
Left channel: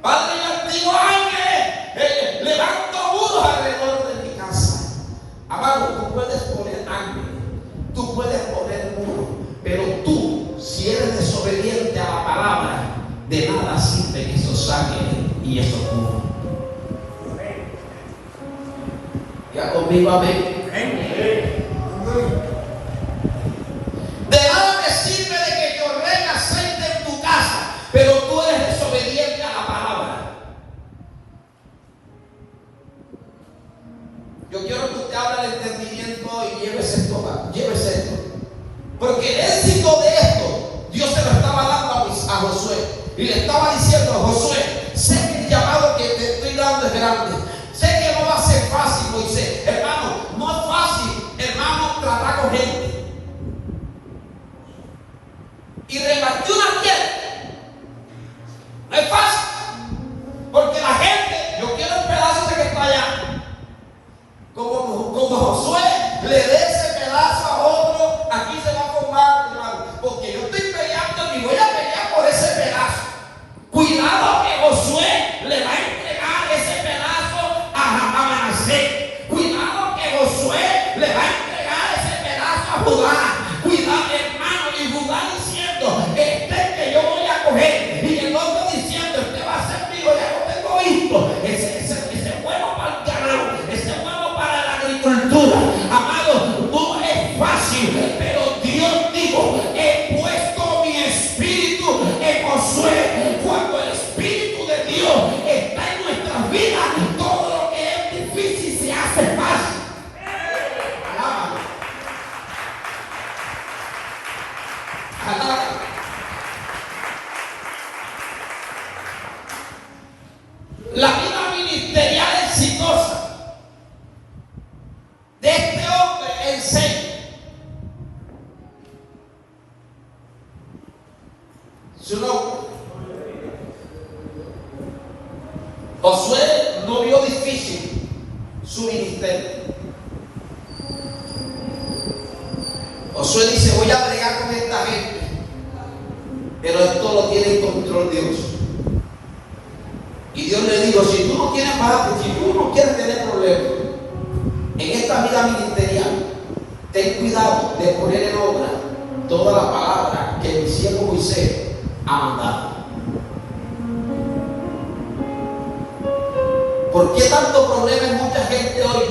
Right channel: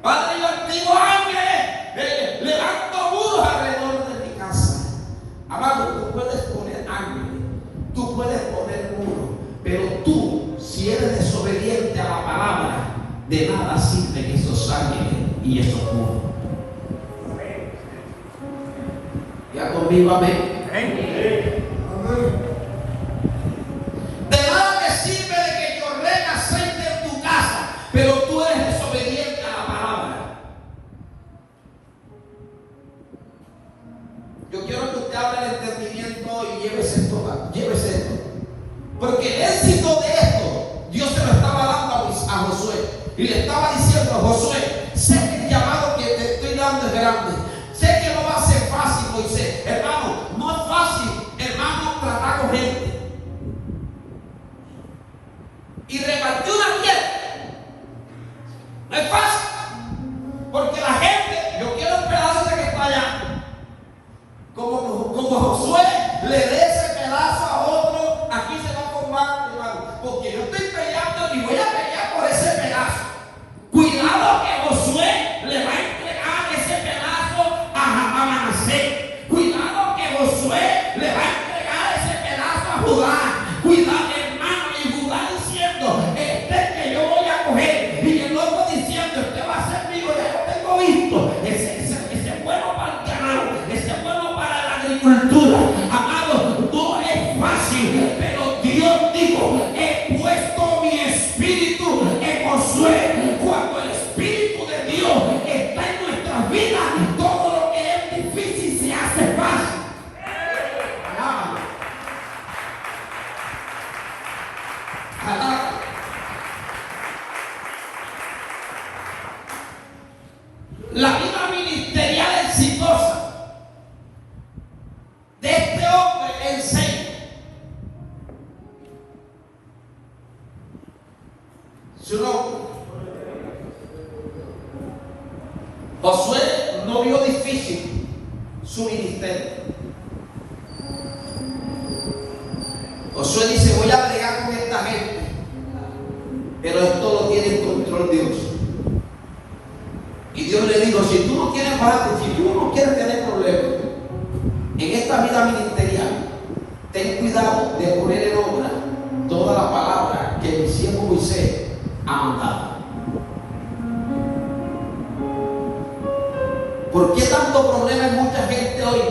Padre, yo activo ángeles, levanto muros alrededor de mi casa. Amado, tú puedes poner ángeles, tú puedes poner muros, pero tú, si eres desobediente a la palabra, de nada sirven esos ángeles y esos muros. Ya conmigo, amén. De nada te sirve de que llore aceite en tu casa, pero tú eres desobediente a la palabra. Yo quiero que usted hable del entendimiento y llévese esto. Porque el éxito de esto, Dios se lo estaba dando a Josué. Y le estaba diciendo a Josué: sé que el llamado que te estoy dando es grande. Sé que no va a ser fácil, Moisés. Hermano, no es fácil, hermano, tratar con gente. Y repartir una tierra no es fácil, porque la gente: yo quiero el pedazo ese que está allá. Como Josué le dé ese pedazo a otro, aquí se va a formar, hermano, porque yo estoy peleando y voy a pelear por ese pedazo. Cuidado que Josué le va a entregar ese pedazo a Manasés. Cuidado que Josué le va a entregar ese pedazo a Judá. Cuidado, hermano, y Judá diciendo: este es que yo voy a coger. Y el otro diciendo: este va a ser mío, ya lo tengo visto. Ese es bueno para el ganado, ese es bueno para la agricultura. Amado, no es fácil, pero Dios dijo: he puesto mi espíritu en Josué. Cuando el espíritu de Dios está en nuestras vidas, todo lo que es difícil se hace fácil. La vida ministerial exitosa de este hombre enseña. Su nombre. Josué no vio difícil su ministerio. Josué dice, voy a bregar con esta gente, pero esto lo tiene en control Dios. Y Dios le dijo, si tú no quieres tener problemas en esta vida ministerial, ten cuidado de poner en obra toda la palabra que el siervo Moisés ha mandado. ¿Por qué tanto problema en mucha gente hoy?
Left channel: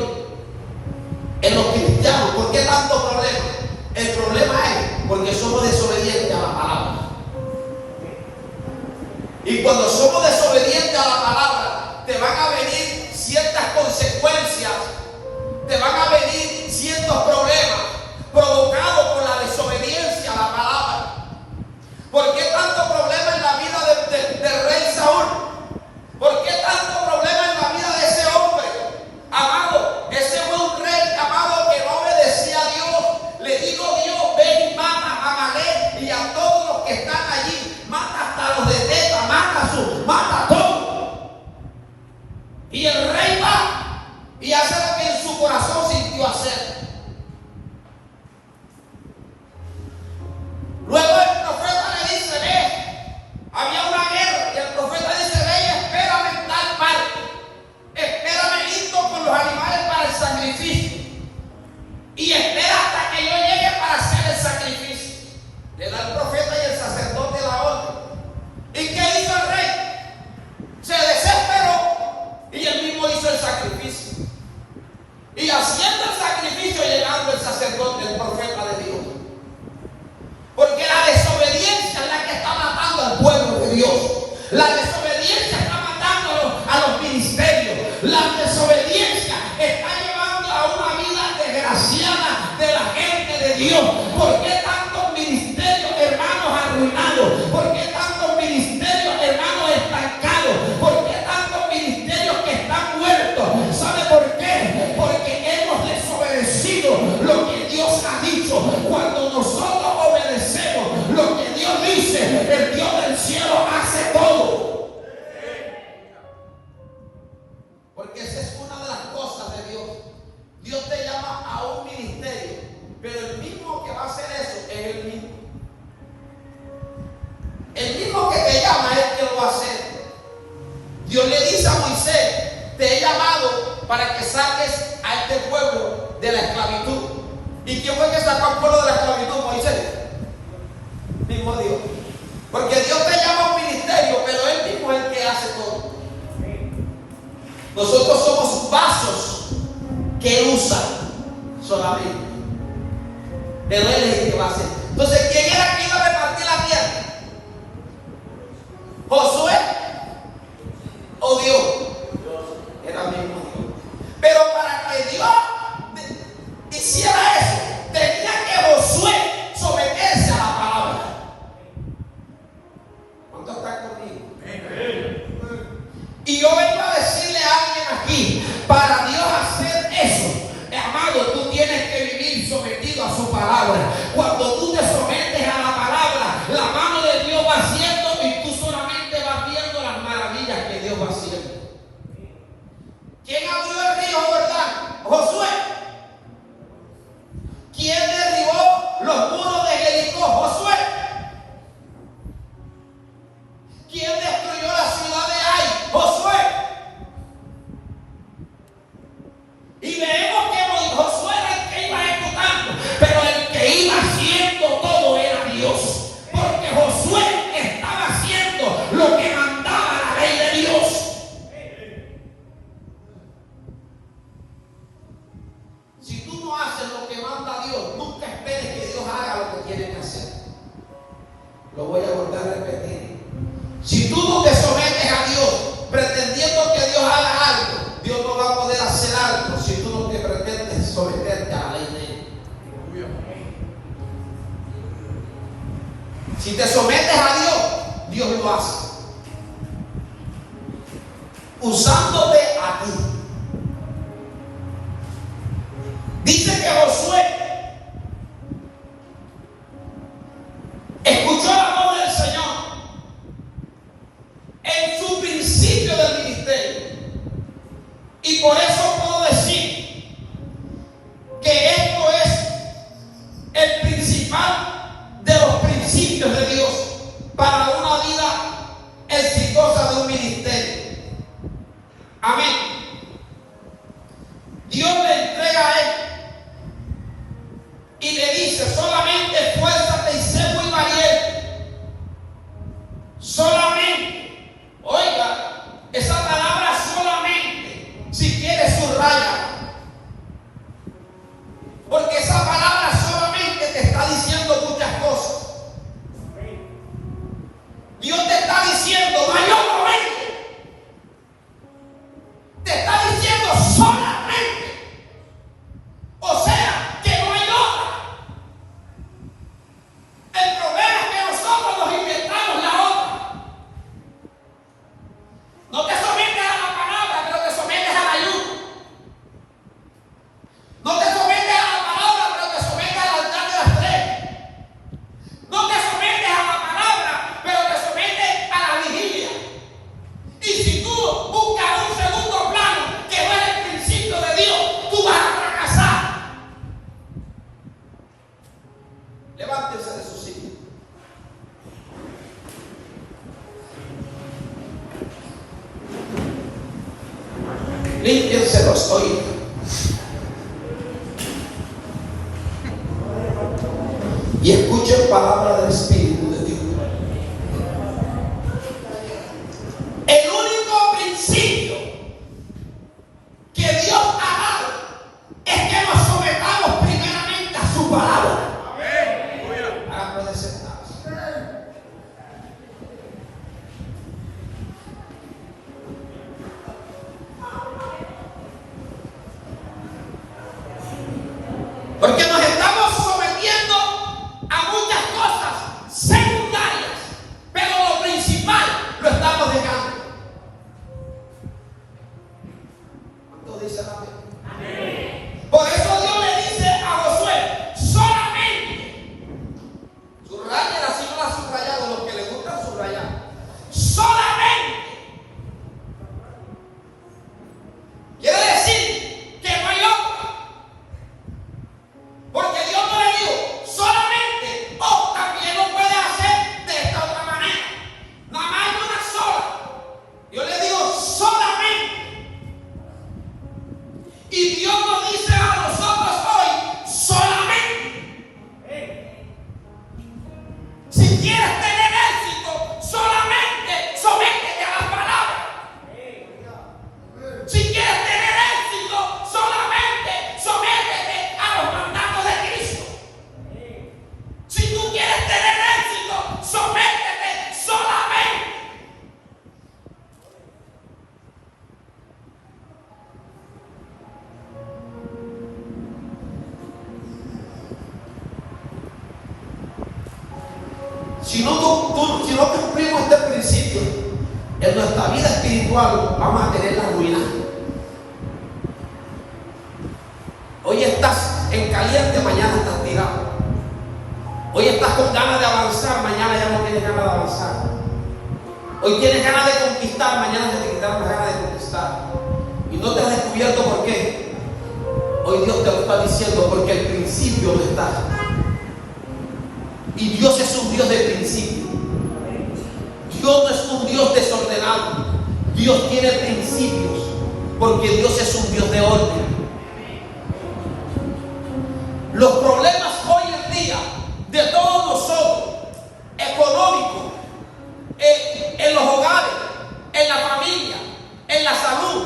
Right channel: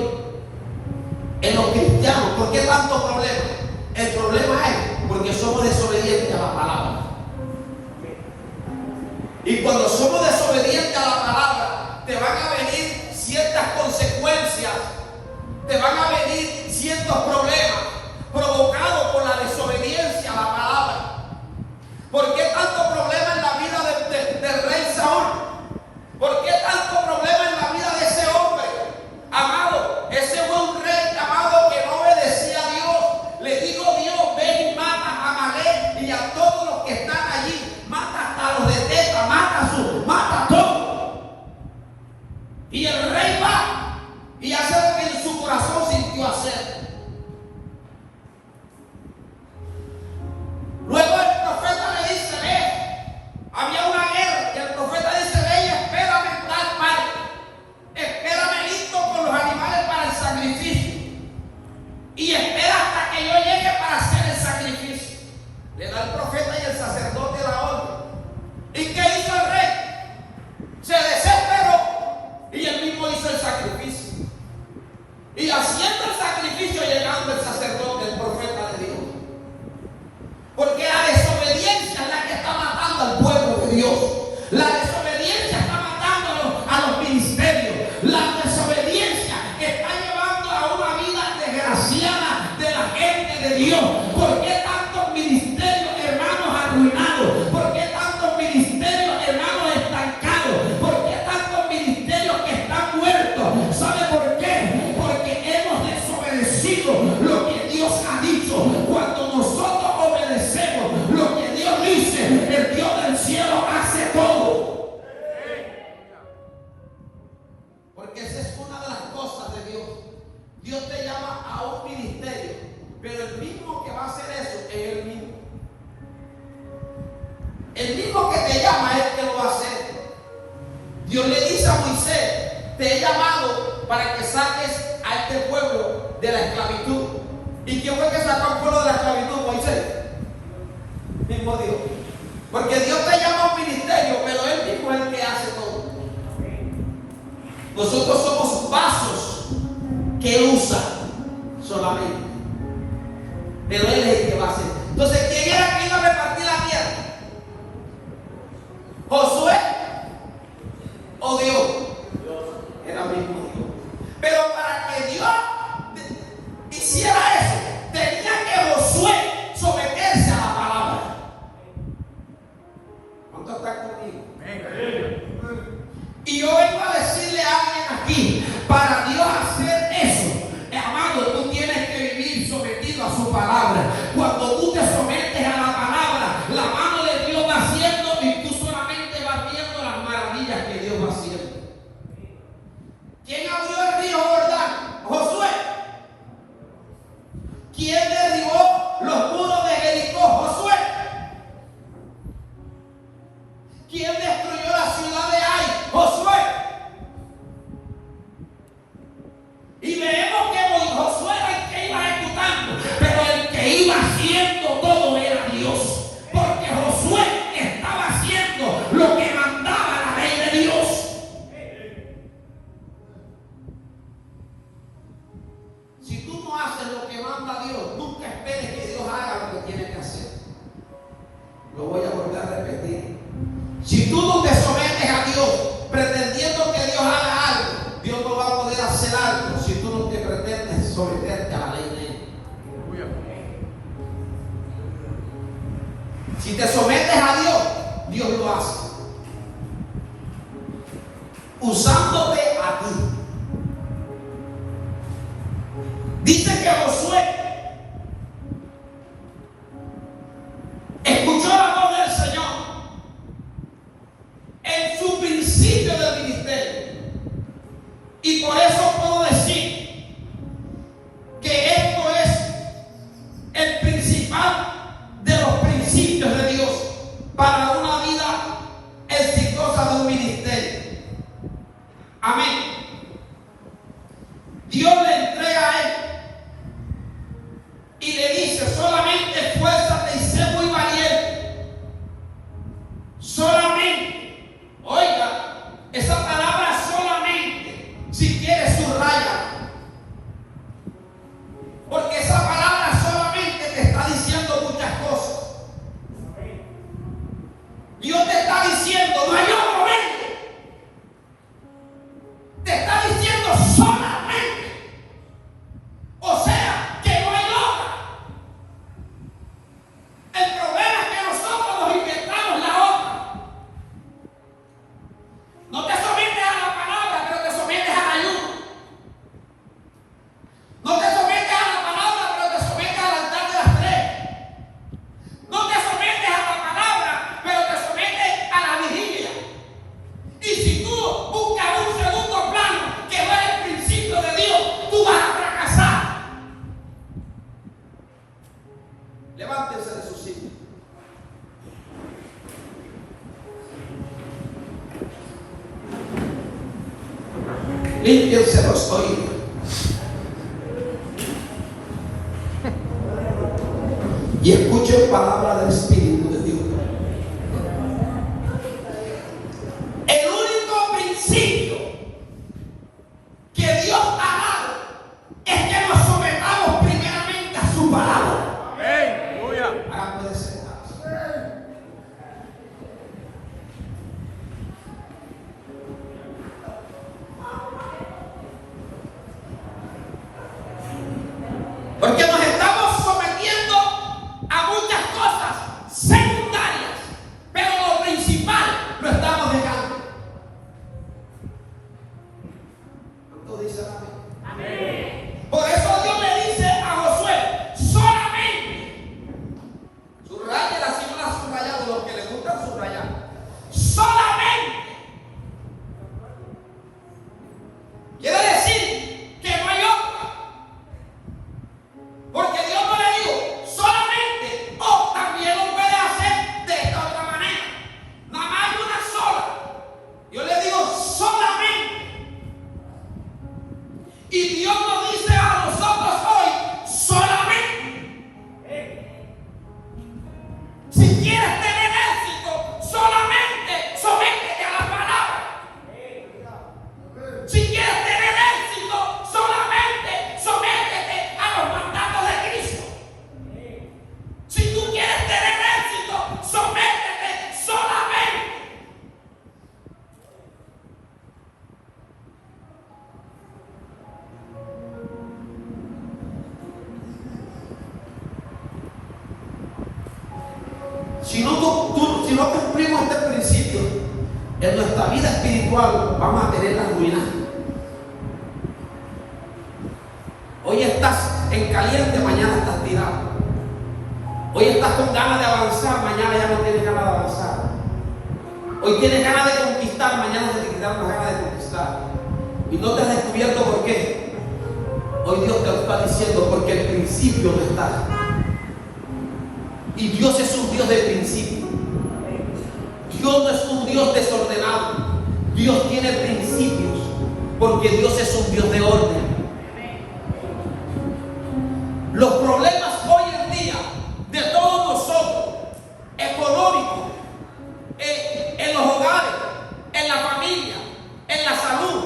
En los cristianos, ¿por qué tanto problema? El problema es porque somos desobedientes a la palabra. Y cuando somos desobedientes a la palabra, te van a venir ciertas consecuencias, te van a venir ciertos problemas provocados por la desobediencia a la palabra. ¿Por qué tanto problema en la vida del rey Saúl? ¿Por qué tanto problema en la vida de ese hombre? Amado, ese fue un rey, amado, que no obedecía a Dios. Le digo, Dios, ven y mata a Amalek y a todos los que están allí. Mata hasta los de Teta, mata a todos. Y el rey va y hace lo que en su corazón sintió hacer. Luego el profeta le dice, ve, había una guerra, y el profeta dice, ve y espérame en tal parte. Espérame listo con los animales para el sacrificio. Y espera hasta que yo llegue para hacer el sacrificio. Le da el profeta y el sacerdote la orden. ¿Y qué hizo el rey? Se desesperó y él mismo hizo el sacrificio. Y haciendo el sacrificio, llegando el sacerdote, el profeta de Dios. Porque la desobediencia es la que está matando al pueblo de Dios. La desobediencia está matando a los ministerios. La desobediencia está llevando a una vida desgraciada de la gente de Dios. ¿Por qué tantos ministerios, hermanos, arruinados? ¿Por qué tantos ministerios, hermanos, estancados? ¿Por qué tantos ministerios que están muertos? ¿Sabe por qué? Porque hemos desobedecido lo que Dios ha dicho. Cuando nosotros obedecemos lo que Dios dice, el Dios del cielo hace todo. Porque esa es una de las cosas de Dios. Dios te llama a un ministerio, pero el mismo que va a hacer eso es el mismo. El mismo que te llama es el que lo va a hacer. Dios le dice a Moisés, te he llamado para que saques a este pueblo de la esclavitud. ¿Y quién fue que sacó al pueblo de la esclavitud? Moisés. Mismo Dios. Porque Dios te llama a un ministerio, pero Él mismo es el que hace todo. Nosotros somos vasos que Él usa solamente. Pero Él es el que va a hacer. Entonces, ¿quién era que iba a repartir la tierra? ¿Josué o Dios? Era el mismo Dios. Pero para que Dios hiciera eso, tenía que Josué someterse a la palabra. ¿Cuántos están conmigo? Y yo vengo a decirle a alguien aquí, para Dios hacer eso, amado, tú tienes que vivir sometido a su palabra. Cuando tú te sometes a la palabra, la mano de Dios va haciendo y tú solamente vas viendo las maravillas que Dios va haciendo. ¿Quién abrió el río Jordán? Josué. ¿Quién derribó los muros de Jericó? Josué. ¿Quién destruyó la ciudad de Ai? Josué. Y vemos que Josué era el que iba ejecutando, pero el que iba haciendo todo era Dios. Porque Josué estaba haciendo lo que mandaba la ley de Dios. Si tú no haces lo que manda Dios, nunca esperes que Dios haga lo que tiene que hacer. Lo voy a volver a repetir. Si tú no te sometes a Dios pretendiendo que Dios haga algo, Dios no va a poder hacer algo si tú no te pretendes someterte a la ley de Él. Si te sometes a Dios, Dios lo hace. Usándote a ti. Dice que Josué escuchó la voz del Señor en su principio del ministerio. Y por eso puedo decir que esto es el principio dice solamente esfuérzate y sé muy valiente. Solamente, oiga, esa palabra solamente, si quieres subraya. Porque esa palabra solamente te está diciendo muchas cosas. Dios te está diciendo, no hay otro medio. Te está diciendo solamente. O sea, que no hay otra. El problema es que nosotros nos inventamos la otra. No te sometes a la palabra, pero te sometes al ayuno. No te sometes a la palabra, pero te sometes al altar de las 3. No te sometes a la palabra, pero te sometes a la vigilia. Y si tú buscas un segundo plano que no es el principio de Dios, tú vas a fracasar. Levántense de su sitio. Límpiense los oídos. Y escuchen palabra del Espíritu de Dios. El único principio que Dios ha dado es que nos sometamos primeramente a su palabra. Amén. Ahora puede sentarse. Porque nos estamos sometiendo a muchas cosas secundarias, pero lo principal lo estamos dejando. ¿Cuántos dicen amén? Por eso Dios le dice a Josué, solamente, subrayela si no la ha subrayado, los que les gusta subrayar, solamente. Quiere decir que no hay otro. Porque Dios no le dijo solamente, o también lo puede hacer de esta otra manera. Nada más hay una sola. Yo le digo solamente. Y Dios nos dice a nosotros hoy solamente. Si quieres tener éxito, solamente sométete a la palabra. Si quieres tener éxito, solamente sométete a los mandatos de Cristo. Si tú quieres tener éxito, sométete solamente. Si no cumplimos este principio, en nuestra vida espiritual vamos a tener la ruina. Hoy estás en caliente, mañana estás tirado. Hoy estás con ganas de avanzar, mañana ya no tienes ganas de avanzar. Hoy tienes ganas de conquistar, mañana se te quitaron las ganas de conquistar. Y no te has descubierto por qué. Hoy Dios te lo está diciendo porque el principio no está. Y Dios es un Dios de principio. Dios no es un Dios desordenado. Dios tiene principios porque Dios es un Dios de orden. Los problemas hoy en día de todos nosotros, económicos, en los hogares, en la familia, en la salud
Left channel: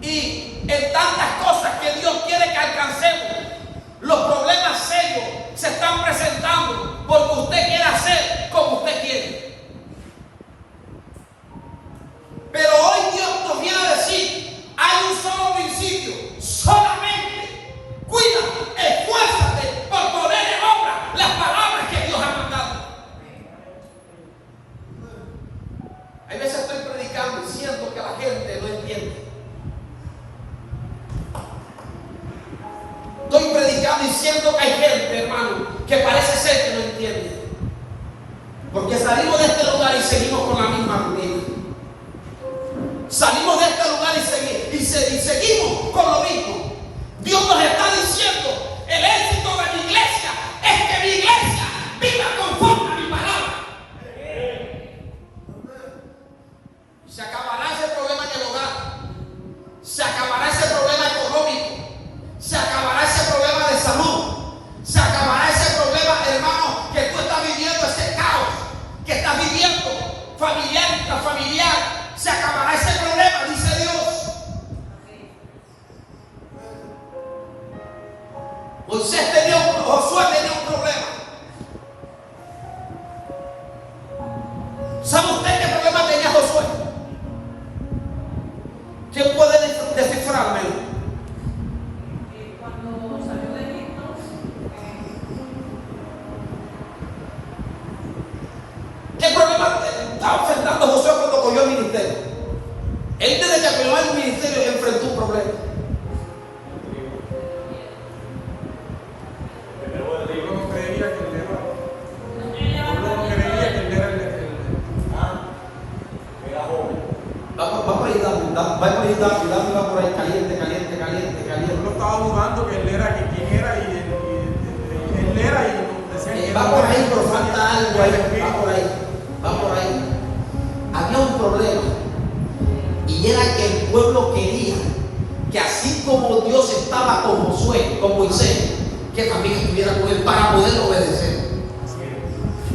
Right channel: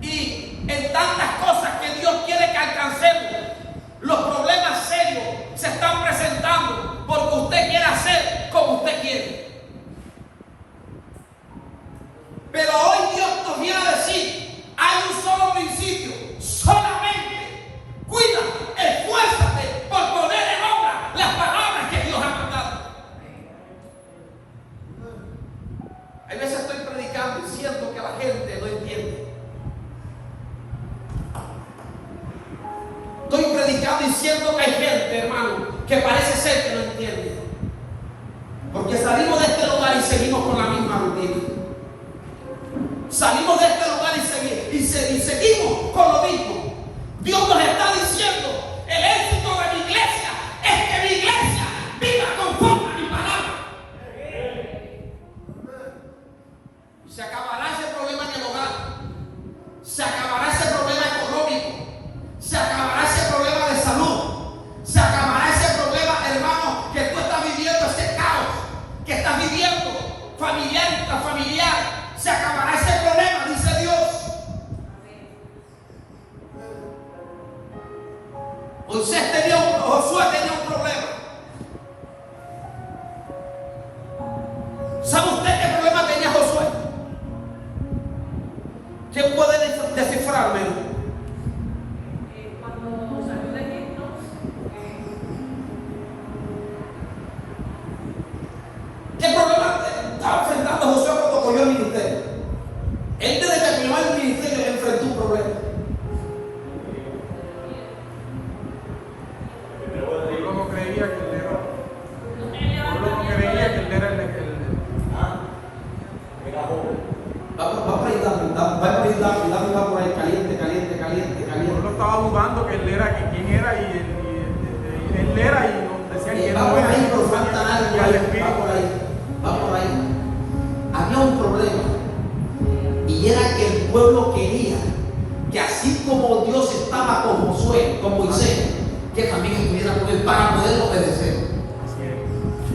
y en tantas cosas que Dios quiere que alcancemos, los problemas serios se están presentando porque usted quiere hacer como usted quiere. Pero hoy Dios nos viene a decir, hay un solo principio, solamente cuida, esfuérzate por poner en obra las palabras que Dios ha mandado. Hay veces estoy predicando y siento que la gente no entiende. Estoy predicando y siento que hay gente, hermano, que parece ser que no entiende. Porque salimos de este lugar y seguimos con la misma rutina. Salimos de este lugar y seguimos con lo mismo. Dios nos está diciendo, el éxito de mi iglesia es que mi iglesia viva conforme a mi palabra. Y se acabará ese problema en el hogar. Se acabará ese problema económico. Se acabará ese problema de salud. Se acabará ese familiar, intrafamiliar, se acabará ese problema, dice Dios. Josué tenía un problema. ¿Sabe usted qué problema tenía Josué? ¿Quién puede descifrarme? Cuando salió de Egipto, ¿Qué problema estaba enfrentando Josué cuando cogió el ministerio? Él desde que cogió el ministerio enfrentó un problema. Va por ahí caliente. Pueblo estaba dudando que él era, que quién era, y él era, y nos decían que va no por era. ahí, pero falta algo Y al ahí, espíritu. va por ahí. Había un problema, y era que el pueblo quería que así como Dios estaba con Josué, con Moisés, que también estuviera con él para poder obedecer.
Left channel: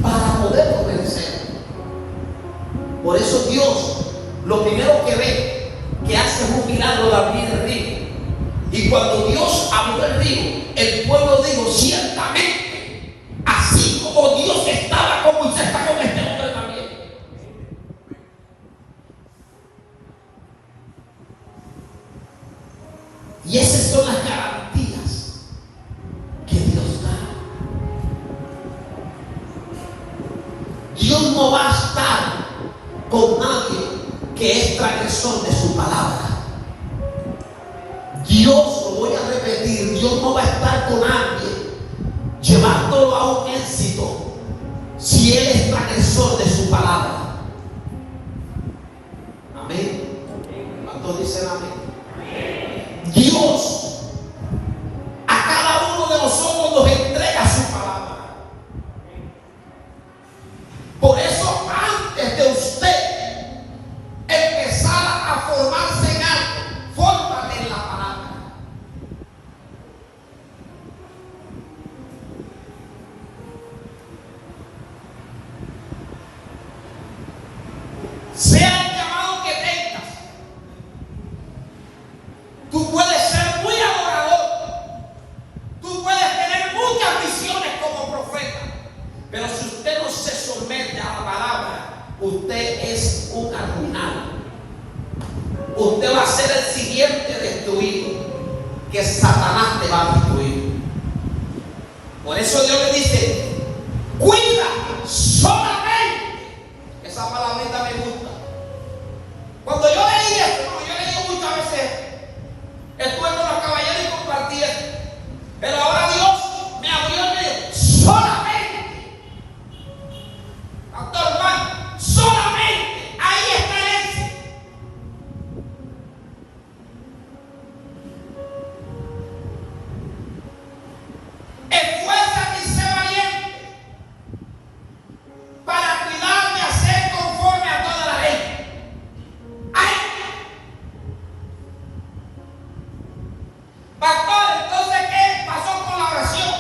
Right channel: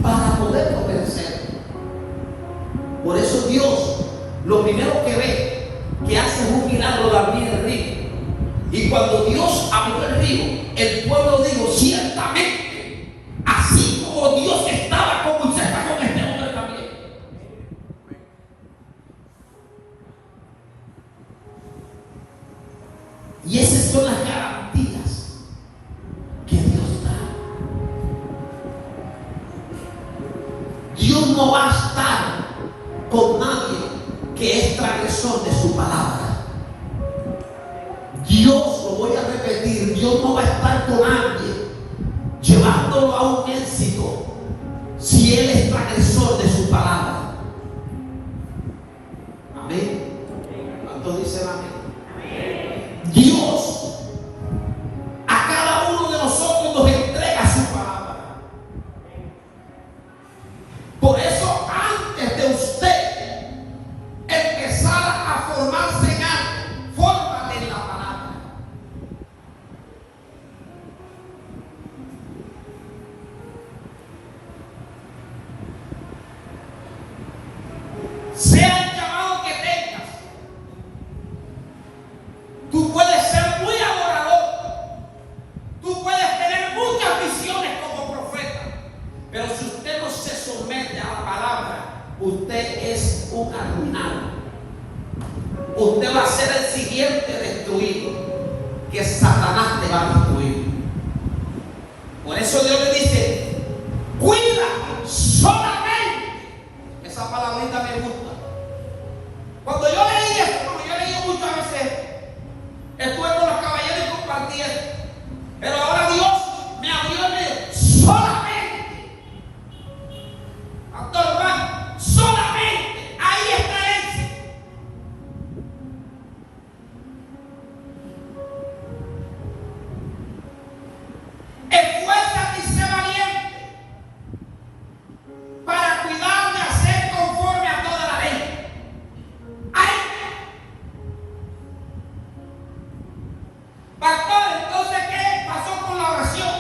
Para poder obedecer. Por eso Dios, lo primero que ve, que hace un milagro de abrir el río. Y cuando Dios abrió el río, el pueblo dijo: ciertamente, así como Dios estaba con Moisés, está con este hombre también. Y esas son las garantías que Dios da. Dios no va a estar con nadie que es transgresor de su palabra. Dios, lo voy a repetir, Dios no va a estar con nadie llevándolo a un éxito si él es transgresor de su palabra. Amén. ¿Cuántos dicen amén? Dios a cada uno de nosotros nos entrega su palabra. Por eso, antes de usted empezar a formarse en algo, fórmate en la palabra. Sea el llamado que tengas, tú puedes ser muy adorador, tú puedes tener muchas visiones como profeta, pero si usted no se somete a la palabra, usted es un arruinado. Usted va a ser el siguiente destruido, que Satanás te va a destruir. Por eso Dios le dice: cuida solamente. Esa palabrita me gusta. Cuando yo leí esto, yo leí muchas veces, estuve con los caballeros y compartí esto, pero ahora Dios me abrió y me dijo: solamente, pastor Juan, solamente, ahí está el éxito. Esfuérzate y sé valiente para cuidar de hacer conforme a toda la ley. ¡Ay! Pastor, entonces, ¿qué pasó con la oración?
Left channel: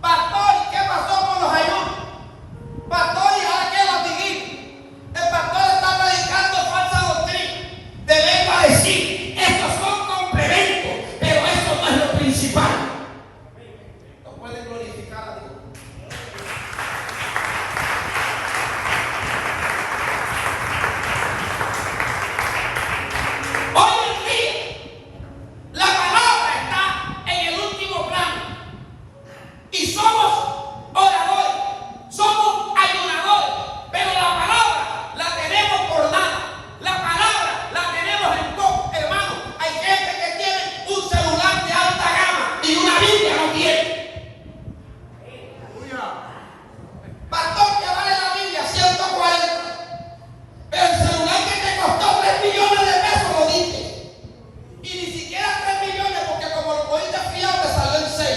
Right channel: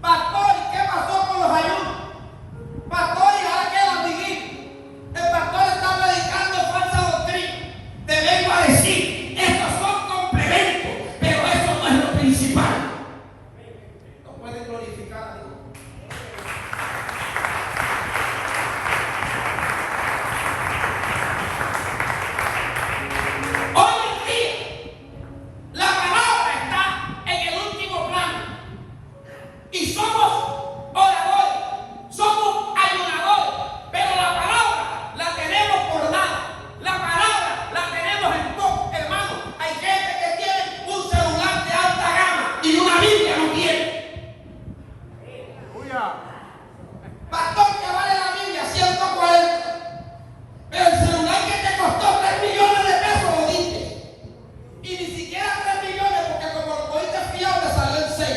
Pastor, ¿y qué pasó con los ayunos? Pastor, ¿y ahora qué latiguí? El pastor está predicando falsa doctrina. Te vengo a decir, estos son complementos, pero eso no es lo principal. No pueden glorificar a Dios. Hoy en día, la palabra está en el último plano. Y somos oradores, somos ayunadores, pero la palabra la tenemos por nada. La palabra la tenemos en poco, hermano. Hay gente que tiene un celular de alta gama y una Biblia no tiene. Pastor, que vale la Biblia 140, pero el celular que te costó 3 millones de pesos lo diste. Y ni siquiera 3 millones, porque como lo cogiste fiado te salió en 6.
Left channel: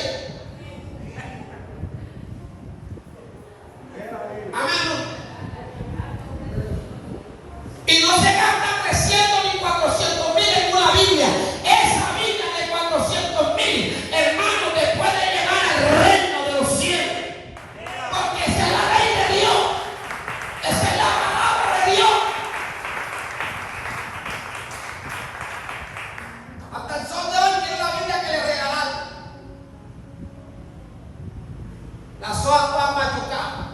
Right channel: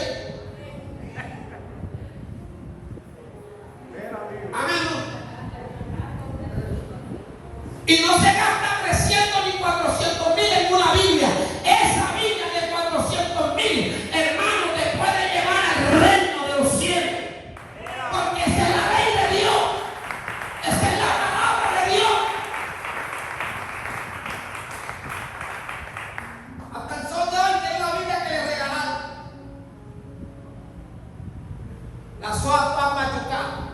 Las hojas están machucadas.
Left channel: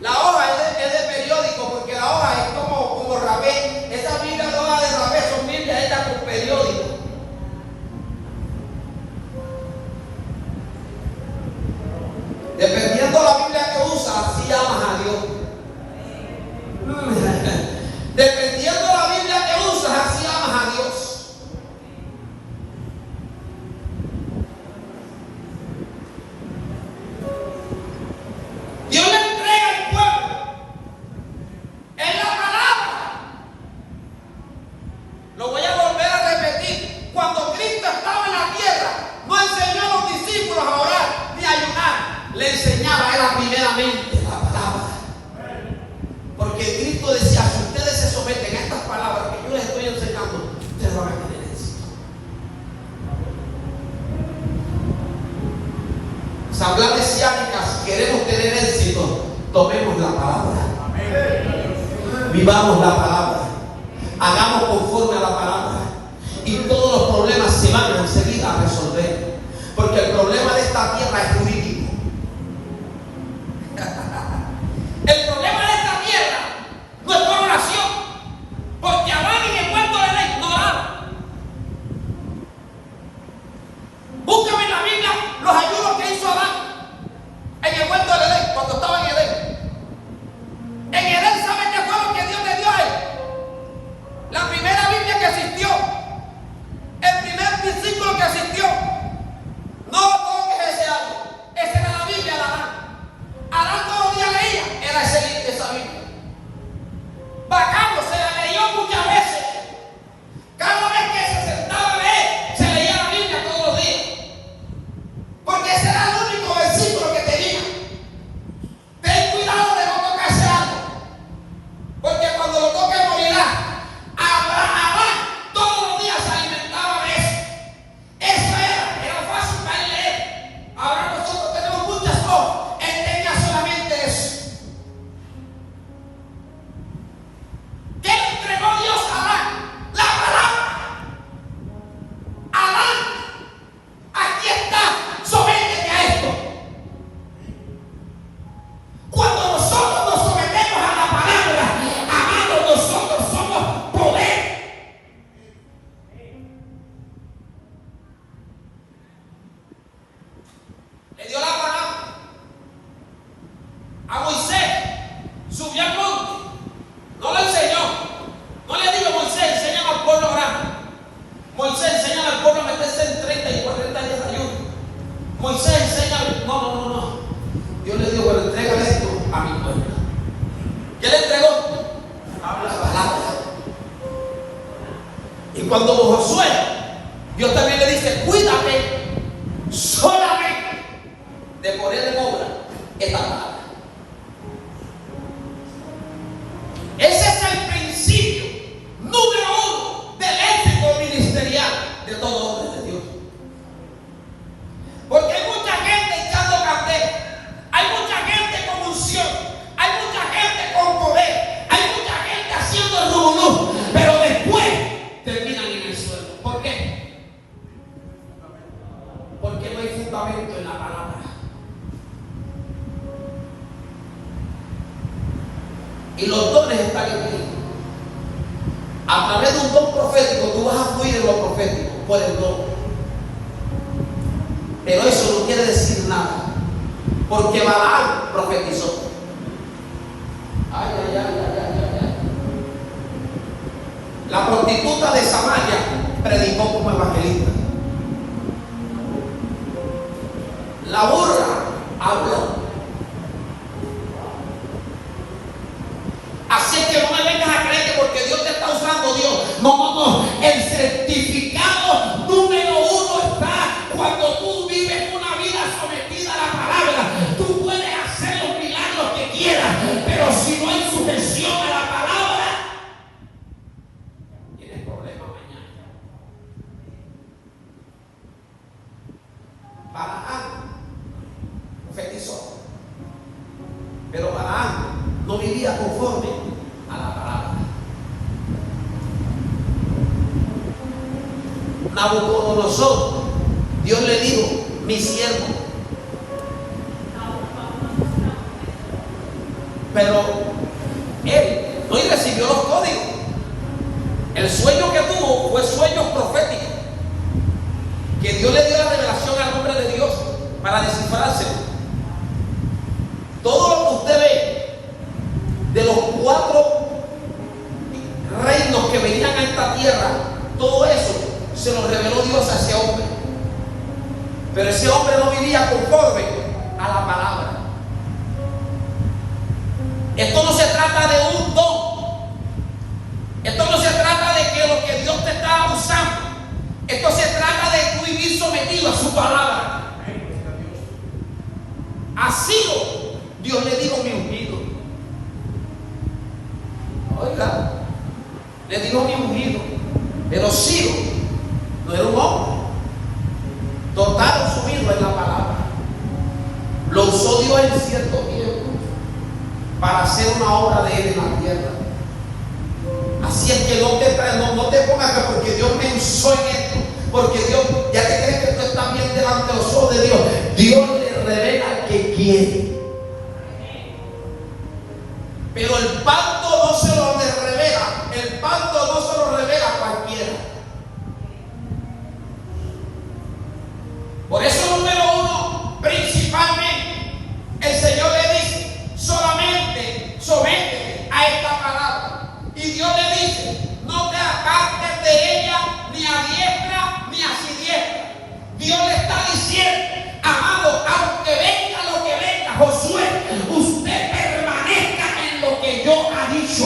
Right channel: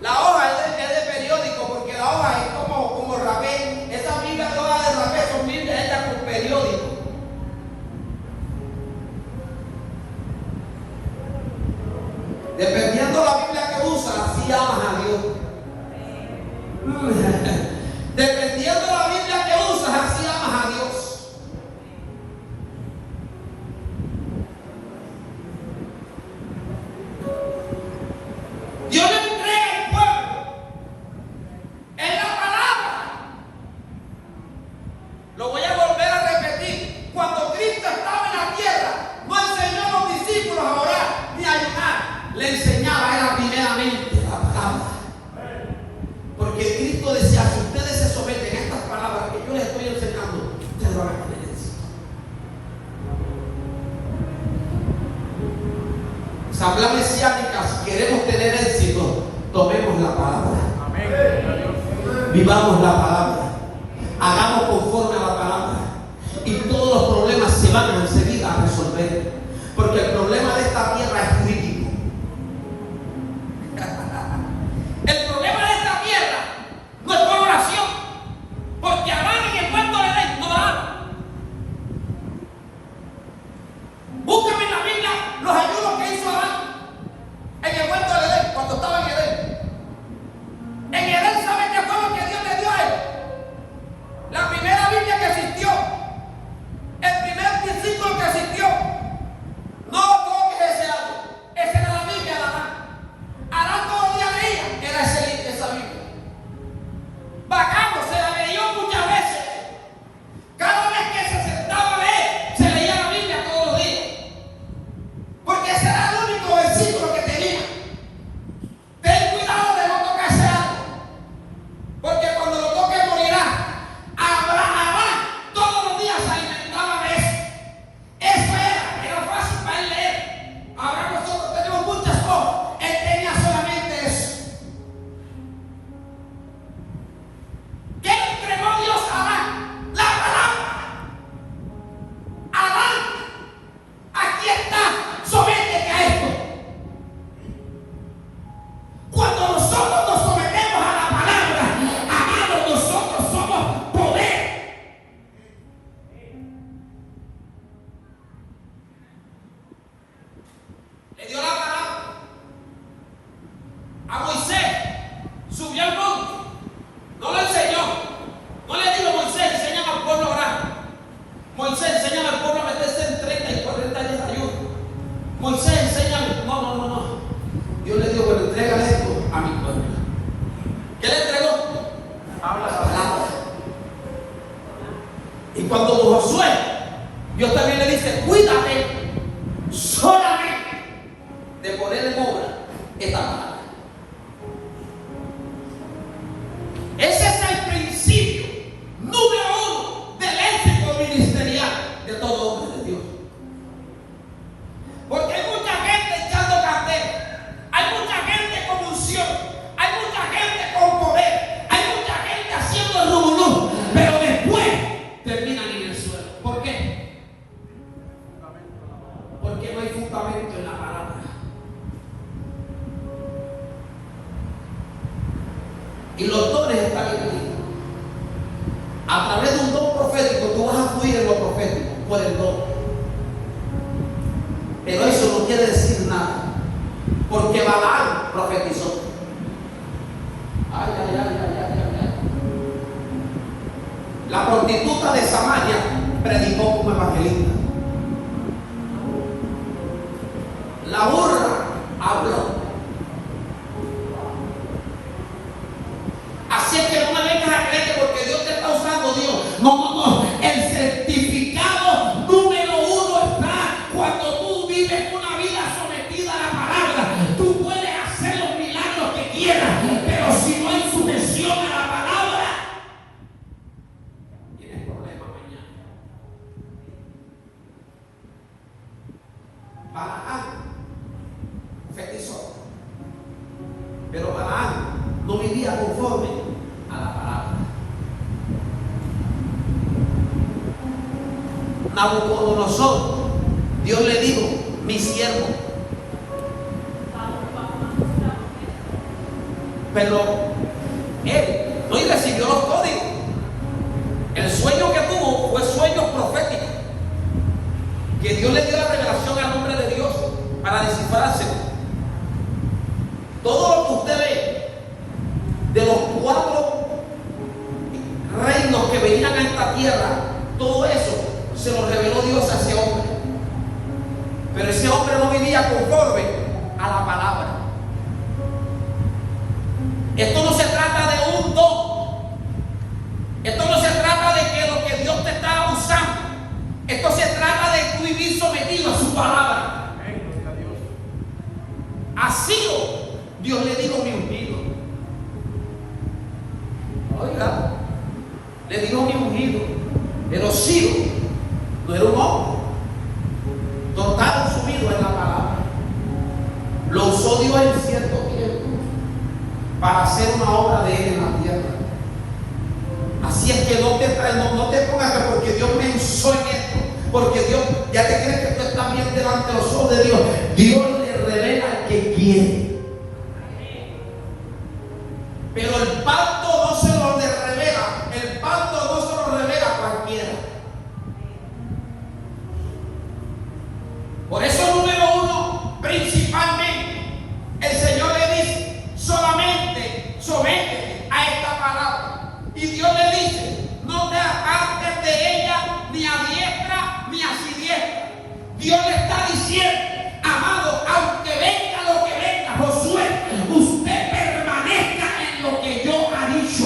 La hoja es de periódico, porque la hoja es como rapé. Esa Biblia de hoja de rapé son Biblias hechas con periódico. Dependiendo de la Biblia que usas, así amas a Dios. Dependiendo de la Biblia que usas, así amas a Dios. Dios le entrega al pueblo en la palabra. Lo voy a volver a repetir. Cuando Cristo estaba en la tierra, no enseñó a los discípulos a orar ni a ayunar. Le enseñaba era primeramente la palabra. Porque Cristo decía, si ustedes se someten a estas palabras que yo les estoy enseñando, ustedes van a tener éxito. Asamblea mesiánica, si queremos tener éxito, tomemos la palabra. Amén. Vivamos la palabra. Hagamos conforme a la palabra. Y todos los problemas se van enseguida a resolver. Porque el problema de esta tierra es jurídico. El problema de esta tierra no es por oración. Porque Adán en el huerto de Edén no oraba. Búscame en la Biblia los ayunos que hizo Adán en el huerto de Edén, cuando estaba en Edén. En Edén, ¿saben qué fue lo que Dios le dio a él? La primera Biblia que existió, el primer versículo que existió. No toques ese árbol. Esa era la Biblia de Adán. Adán todos los días leía, era esa Biblia. Bacano, se la leyó muchas veces. Cada vez que se sentaba a leer, se leía la Biblia todos los días. Porque ese era el único versículo que tenía. Ten cuidado de no tocar ese árbol. Porque cuando lo toques morirá. Abraham todos los días se alimentaba de eso. Eso era fácil para él leer. Ahora nosotros tenemos muchas cosas. Él tenía solamente eso. ¿Qué le entregó Dios a Adán? La palabra. Adán, aquí está, sométete a esto. Cuando nosotros nos sometemos a la palabra, amados, nosotros somos poder. Le dio la palabra a Moisés, subió al monte, no le enseñó, no le dijo Moisés, enséñame al pueblo grande. Moisés, enséñame al pueblo a meterse en 30 y 40 días de ayuno. Moisés, enséñame, no. Dios le dijo, bueno, entrégale esto a mi pueblo. ¿Qué le entregó? Habla. La palabra. Y cuando Josué, Dios también le dice, cuídate solamente de poner en obra esta palabra. Ese es el principio número 1 del éxito ministerial de todo hombre de Dios. Porque hay mucha gente echando candela, hay mucha gente con unción, hay mucha gente con poder, hay mucha gente haciendo el rubulú, pero después terminan en el suelo. ¿Por qué? Porque no hay fundamento en la palabra. Y los dones están en ti. A través de un don profético, tú vas a fluir en lo profético por el don. Pero eso no quiere decir nada. Porque Balaam profetizó. Ay. La prostituta de Samaria predicó como evangelista. La burra habló. Así es que no me vengas a creer que porque Dios te está usando, Dios. No. El certificado número 1 está cuando tú vives una vida sometida a la palabra. Tú puedes hacer los milagros que quieras, pero si no hay sujeción a la palabra, tienes problemas mañana. Balaam profetizó, pero Balaam no vivía conforme a la palabra. Nabucodonosor, Dios le dijo, mi siervo. Pero él no recibió los códigos. El sueño que tuvo fue sueño profético, que Dios le dio la revelación al hombre de Dios para descifrárselo. Todo lo que usted ve de los 4 reinos que venían a esta tierra, todo eso se lo reveló Dios a ese hombre. Pero ese hombre no vivía conforme a la palabra. Esto no se trata de un don. Esto no se trata de que lo que Dios te está usando. Esto se trata de tú vivir sometido a su palabra. A Ciro, Dios le dijo mi ungido. Oiga, le dijo mi ungido. Pero Ciro no era un hombre. Total sumido en la palabra. Lo usó Dios en cierto tiempo para hacer una obra de él en la tierra. Así es que no te pongas que porque Dios me usó en esto, porque Dios, ya te crees que tú estás bien delante de los ojos de Dios. Dios le revela al que quiere. Pero el pacto no se lo revela, el pacto no se lo revela a cualquiera. Por eso, número 1, principalmente, el Señor le dice, solamente sométete a esta palabra. Y Dios le dice, no te apartes de ella ni a diestra ni a siniestra. Dios le está diciendo, amado, aunque venga lo que venga, Josué, usted permanezca en lo que yo ha dicho.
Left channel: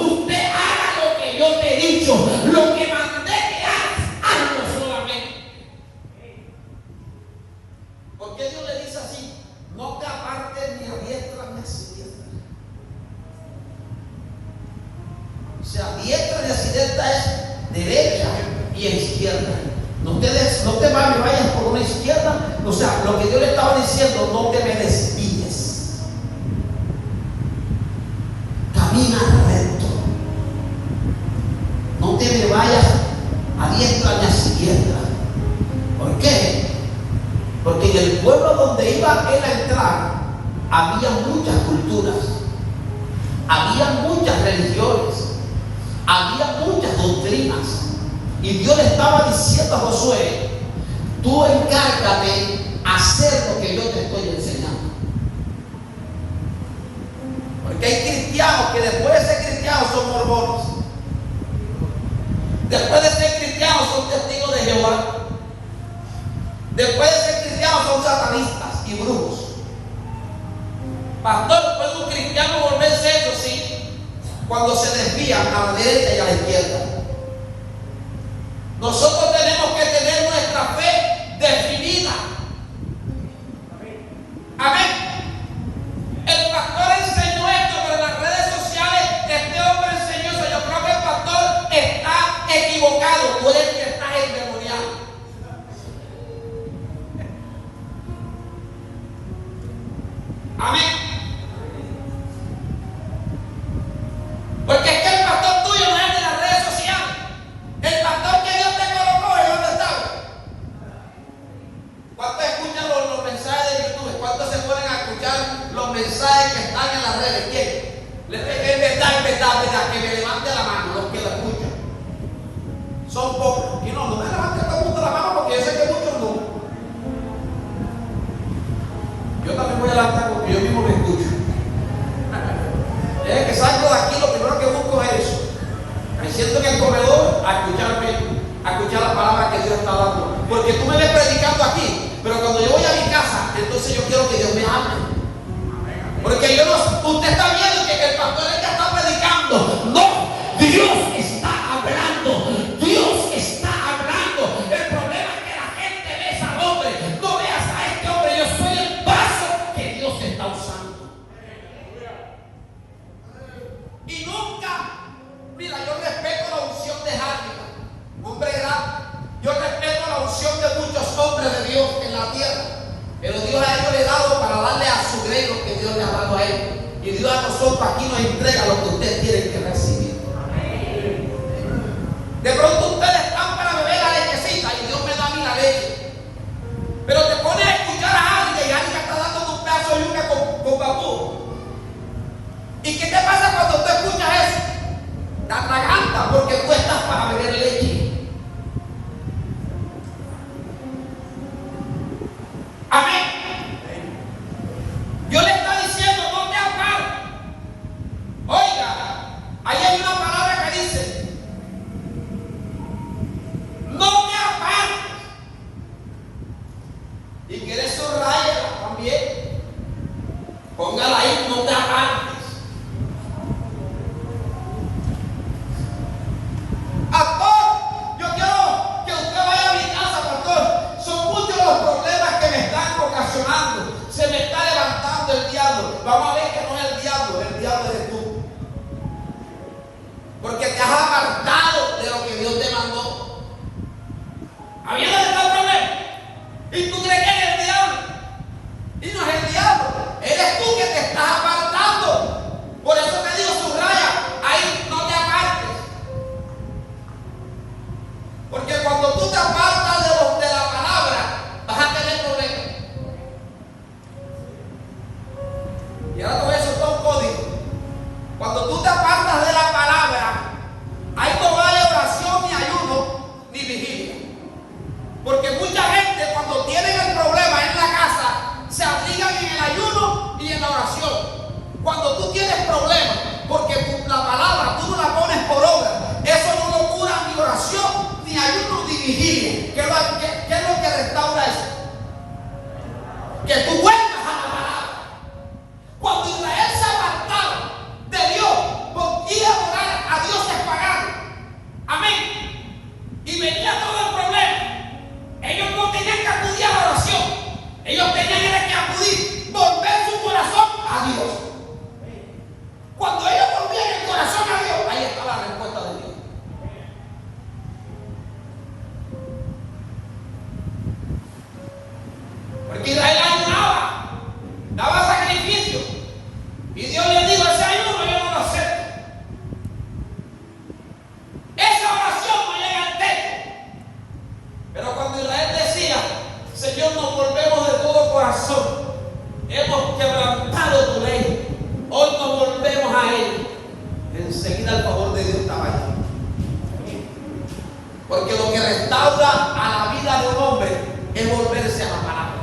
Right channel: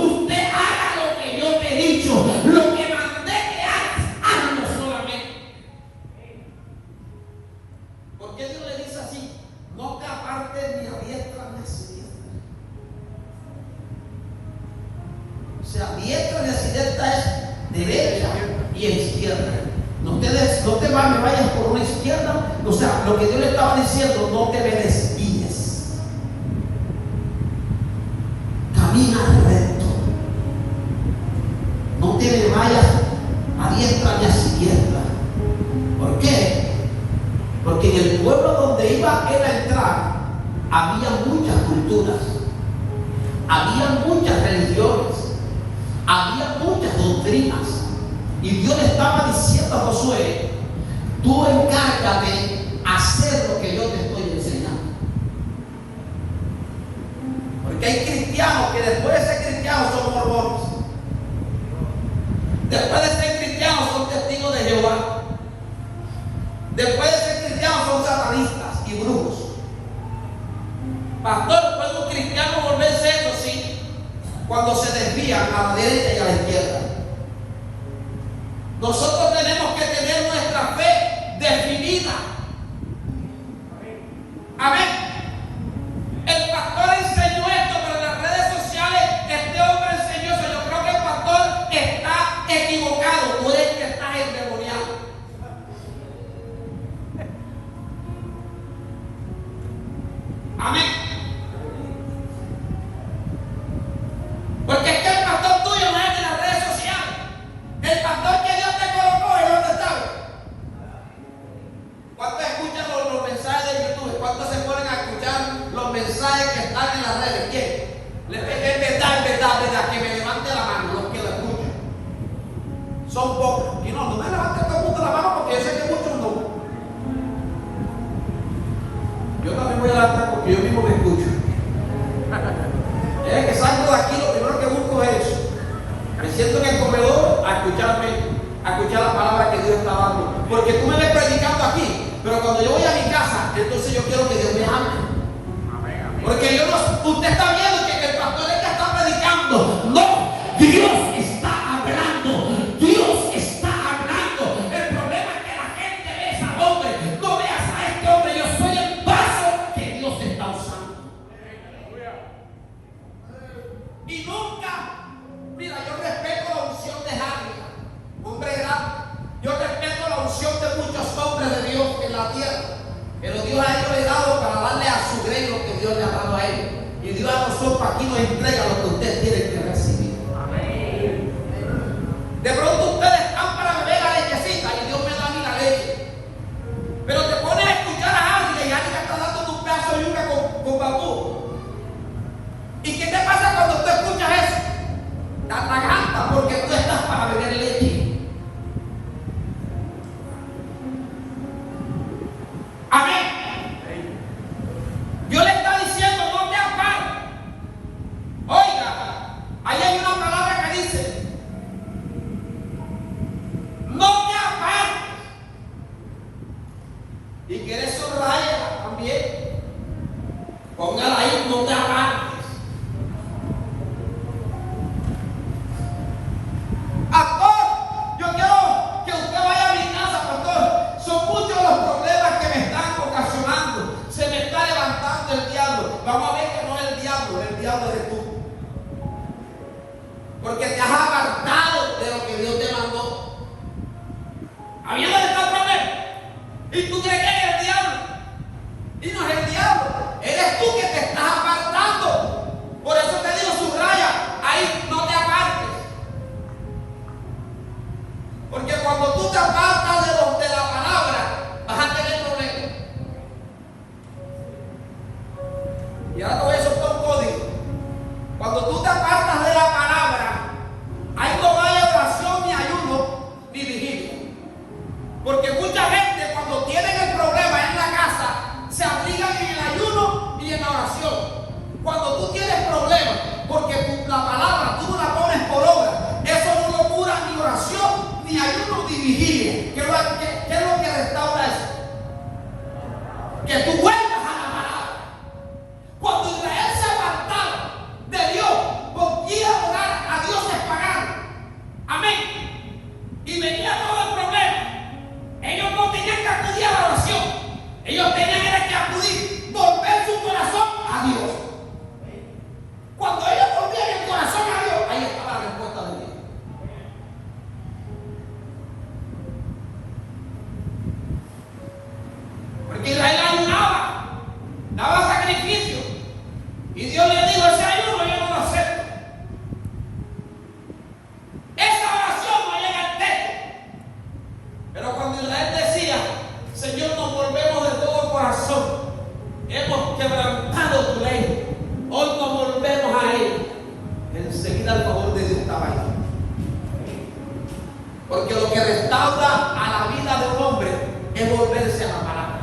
Usted haga lo que yo te he dicho. Lo que mandé que hagas, hazlo solamente. ¿Por qué Dios le dice así? No te apartes ni a diestra ni a siniestra. O sea, diestra y siniestra es derecha y izquierda. No te vayas por una izquierda. O sea, lo que Dios le estaba diciendo, no te me desvíes. Camina recto. No te me vayas a diestra ni a izquierda. ¿Por qué? Porque en el pueblo donde iba él a entrar, había muchas culturas, había muchas religiones, había muchas doctrinas. Y Dios le estaba diciendo a Josué, tú encárgate de hacer lo que yo te estoy enseñando. Porque hay cristianos que después de ser cristianos son mormones. Después de ser cristianos son testigos de Jehová. Después de ser cristianos son satanistas y brujos. Pastor, ¿puede un cristiano volverse eso? Sí, cuando se desvían a la derecha y a la izquierda. Nosotros tenemos que tener nuestra fe definida. Amén. El pastor enseñó esto, pero en las redes sociales este hombre enseñó eso. Yo creo que el pastor está equivocado. Tú eres el que estás endemoniado. Amén. Porque es que el pastor tuyo no es de las redes sociales. El pastor que Dios te colocó es donde está. ¿Cuántos escuchan los mensajes de YouTube? ¿Cuántos se ponen a escuchar los mensajes que están en las redes? ¿Quién? Es verdad, que me levante la mano los que lo escuchan. Son pocos. Y no me levanten todo el mundo la mano porque yo sé que muchos no. Yo también voy a levantar porque yo mismo me escucho. Es que salgo de aquí, lo primero que busco es eso. Me siento en el comedor a escuchar la palabra que Dios está dando. Porque tú me ves predicando aquí, pero cuando yo voy a mi casa, entonces yo quiero que Dios me hable. Porque usted está viendo que el pastor es que está predicando. No, Dios está hablando. Dios está hablando. El problema es que la gente ve a ese hombre. No veas a este hombre. Yo soy el vaso que Dios está usando. Y nunca, mira, yo respeto la unción de Javier, hombre grande. Yo respeto la unción de muchos hombres de Dios en la tierra. Pero Dios a ellos le ha dado para darle a su grey lo que Dios le ha dado a ellos. Y Dios a nosotros aquí nos entrega lo que ustedes tienen que recibir. Amén. De pronto ustedes están para beber la lechecita y Dios me da a mí la leche. Pero te pones a escuchar a alguien y alguien está dando un pedazo de yuca con bambú. también. Póngala ahí, no te apartes. Pastor, yo quiero que usted vaya a mi casa, pastor. Son muchos los problemas que me están ocasionando. Se me está levantando el diablo. Vamos a ver que no es el diablo eres tú. Porque te has apartado de lo que Dios te mandó. Había donde está el problema. Y tú crees que es el diablo. Y no es el diablo. Eres tú que te estás apartando. Por eso te digo, subraya. Ahí no te apartes. Porque cuando tú te apartas de la palabra, vas a tener problemas. Y ahora te voy a soltar un código. Cuando tú te apartas de la palabra, ahí no vale oración, ni ayuno, ni vigilia. Porque mucha gente, cuando tienen el problema en la casa, se abrigan en el ayuno y en la oración. Cuando tú tienes problemas, porque la palabra tú no la pones por obra, eso no lo cura ni oración, ni ayuno, ni vigilia. ¿Qué es lo que restaura eso? Que tú vuelvas a la palabra. Cuando Israel se apartaba de Dios, por ir a adorar a dioses paganos, amén, y venía todo el problema, ellos no tenían que acudir a la oración, ellos tenían que acudir, volver su corazón a Dios. Cuando ellos volvían el corazón a Dios, ahí estaba la respuesta de Dios. Porque Israel ayunaba, daba sacrificio, y Dios le dijo: ese ayuno yo no lo acepto. Esa oración no llega al techo. Pero cuando Israel decía: Señor, nos volvemos de todo corazón, hemos quebrantado tu ley, hoy nos volvemos a él, enseguida el favor de Dios estaba ahí. Porque lo que restaura a la vida de un hombre es volverse a la palabra.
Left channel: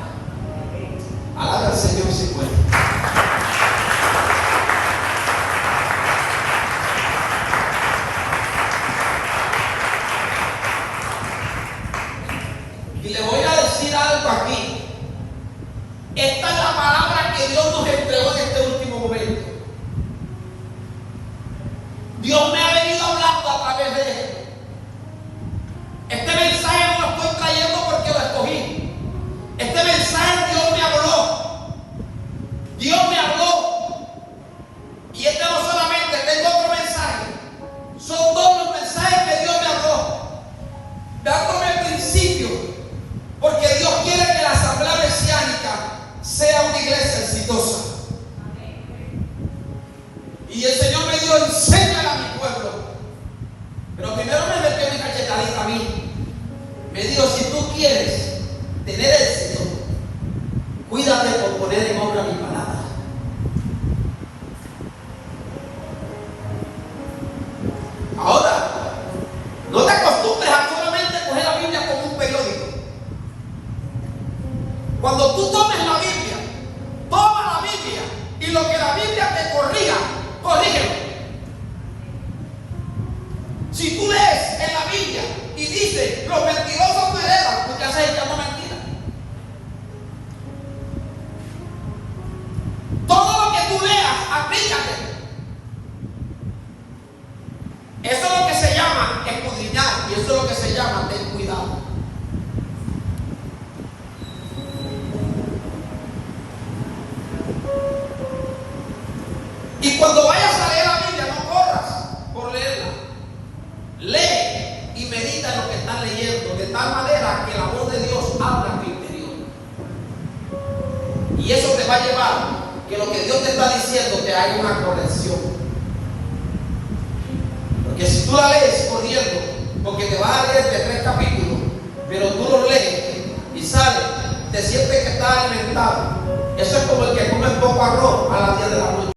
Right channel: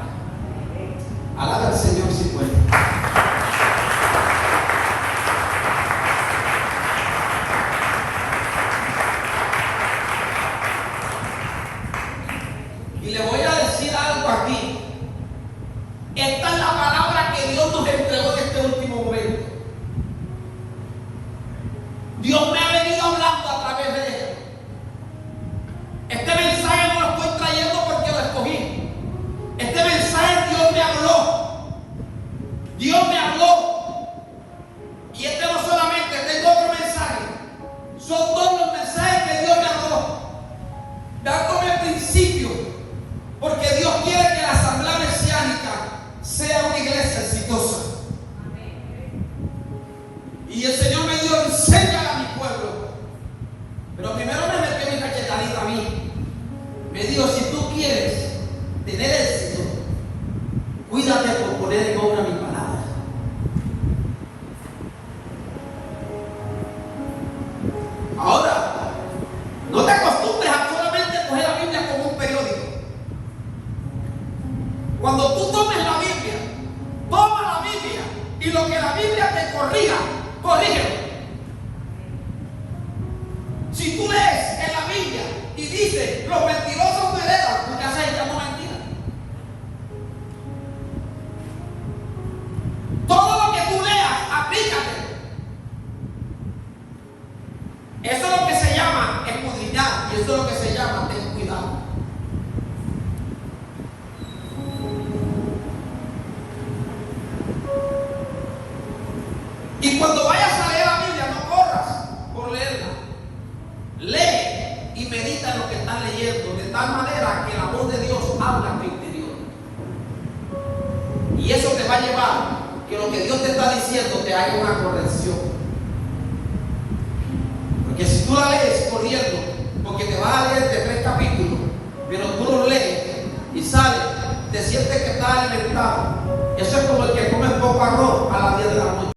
Alaba al Señor si puede. Y le voy a decir algo aquí. Esta es la palabra que Dios nos entregó en este último momento. Dios me ha venido hablando a través de él. Este mensaje no lo estoy trayendo porque lo escogí. Este mensaje Dios me habló. Dios me habló. Y este no solamente, tengo otro mensaje. Son todos los mensajes que Dios me habló, dándome principio. Porque Dios quiere que la asamblea mesiánica sea una iglesia exitosa. Y el Señor me dijo: enséñale a mi pueblo. Pero primero me metió mi cachetadita a mí. Me dijo: si tú quieres tener éxito, cuídate por poner en obra mi palabra. Ahora, no te acostumbres a solamente coger la Biblia como un periódico. Cuando tú tomes la Biblia, toma la Biblia y lo que la Biblia te corrija, corrígelo. Si tú lees en la Biblia y dice: los mentirosos no heredan, tú te has echado mentira. Todo lo que tú leas, aplícate. Eso es lo que se llama escudriñar, y eso es lo que se llama ten cuidado. Y cuando vayas a leer la Biblia, no corras por leerla. Lee y medita en lo que estás leyendo, de tal manera que la voz de Dios habla en tu interior. Y eso te va a llevar que lo que Dios te está diciendo te haga una corrección. Porque si tú la lees corriendo, porque te vas a leer de 3 capítulos, pero tú los lees y sales, te sientes que estás alimentado. Eso es como el que come poco arroz a las 10 de la noche.